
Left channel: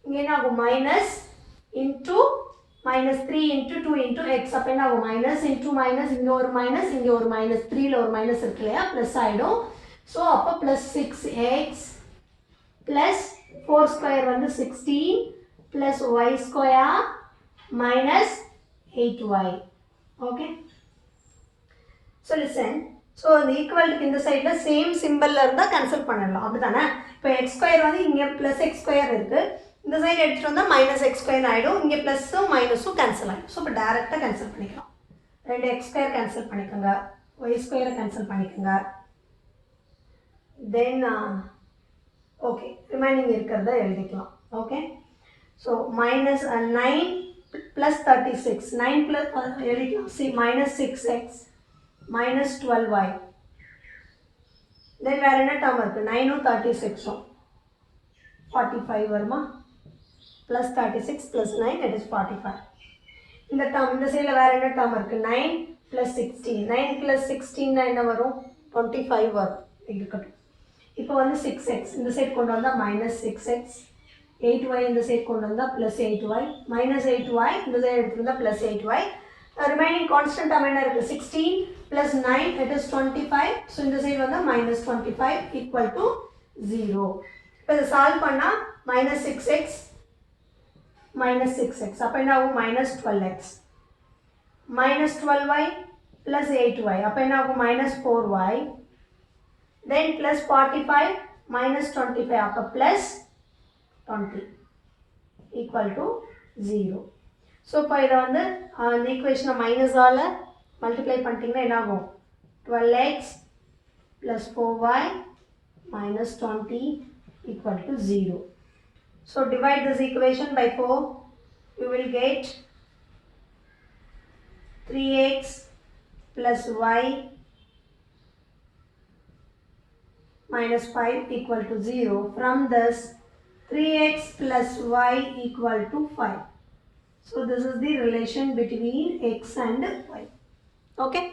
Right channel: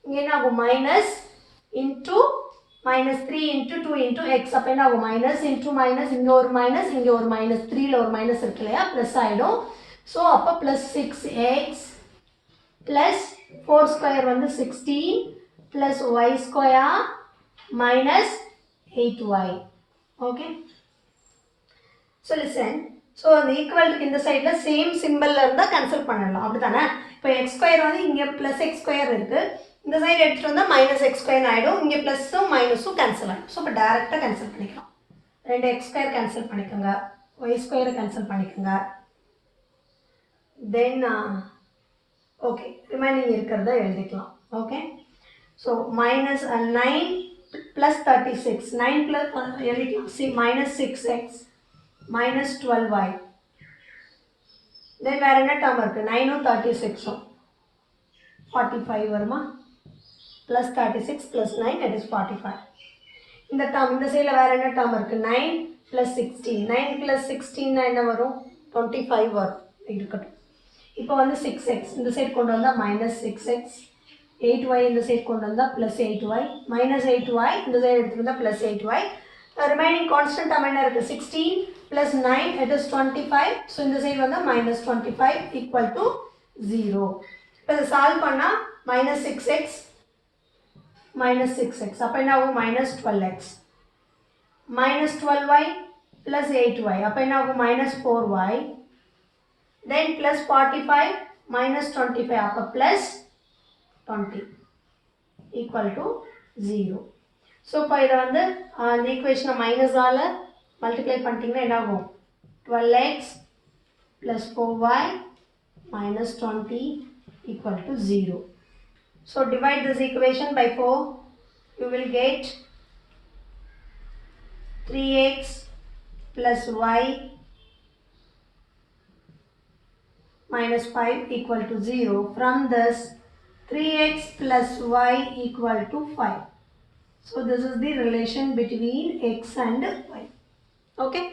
இங்கே என்ன ஆகும் minus into minus 3 into 2 into x அப்போ என்ன ஆகும் minus into minus இங்கே ஒரு minus இங்கே ஒரு minus 3ல ஒரு minus இருக்கு இல்லையா plus ஆயிடும் ஸோ அப்போ plus 6x plus 4 square வந்து 16 plus y square minus 8y. Okay. So listen. So the equal to இந்த சைடுல சேம் சிம்பல்ல இருந்தா கேன்சல் பண்ணலாம் அப்படிதானே இப்போ x ஸ்கொயர் வந்து இங்க plus x ஸ்கொயர் இருக்கு இந்த சைடு எடுத்துட்டு வந்தா minus x ஸ்கொயர் ஆயிடும் இங்க பிளஸும் மைனஸும் கேன்சல் ஆயிடும் ஸோ இப்போ டைரக்டா கேன்சல் பண்ணிக்கலாம் ரெண்டு x ஸ்கொயர் கேன்சல் பண்ணிக்கோங்க y ஸ்கொயரை கேன்சல் பண்ணிக்கோங்க தென் ஓகே ரிமைனிங் இருக்கிறத எழுதிக்கலாம் ஓகே ஸோ minus 9 plus 36 9 plus எழுதிக்கலாம் see minus 6x minus 12y then வேற என்ன term இருக்கு 9 36 45 வருமா plus 36 plus 9 that is 45 இந்த term இந்த சைடுல வேற என்ன term இருக்கு 9 plus 16 9 plus 16 என்ன வரும் 25 வரும் இருக்கட்டும் இப்போ வந்து 6x இந்த சைடு கொண்டு வந்தா minus 6x 8y இந்த சைடு கொண்டு வந்தா plus 8y minus 8y இந்த சைடு எடுத்து வந்தா plus 8y remaining constant term என்ன இருக்கு 16 plus 9 it is 25 so இந்த சைடு வந்து minus 25 equal to 0 இப்போ இதை சால்வ் பண்ணா minus 6x minus 6x அப்போ என்ன ஆகும் minus 12x minus 12y plus 8y அப்போ என்ன ஆகும் minus 4y then plus 45 minus 25 அப்போ plus 20 equal to 0 ஸோ இப்போ இதை வந்து இந்த ஈக்குவேஷனை மைனஸால் மல்டிப்ளை பண்ணிட்டீங்கன்னா என்ன ஆகும் 12x plus 4y minus 20 equal to 0. So divide this equation by 4. You will get 3x plus y minus 5 equal to 0. From this 3x plus y equal to 5. So this is the relation between x and y. Okay.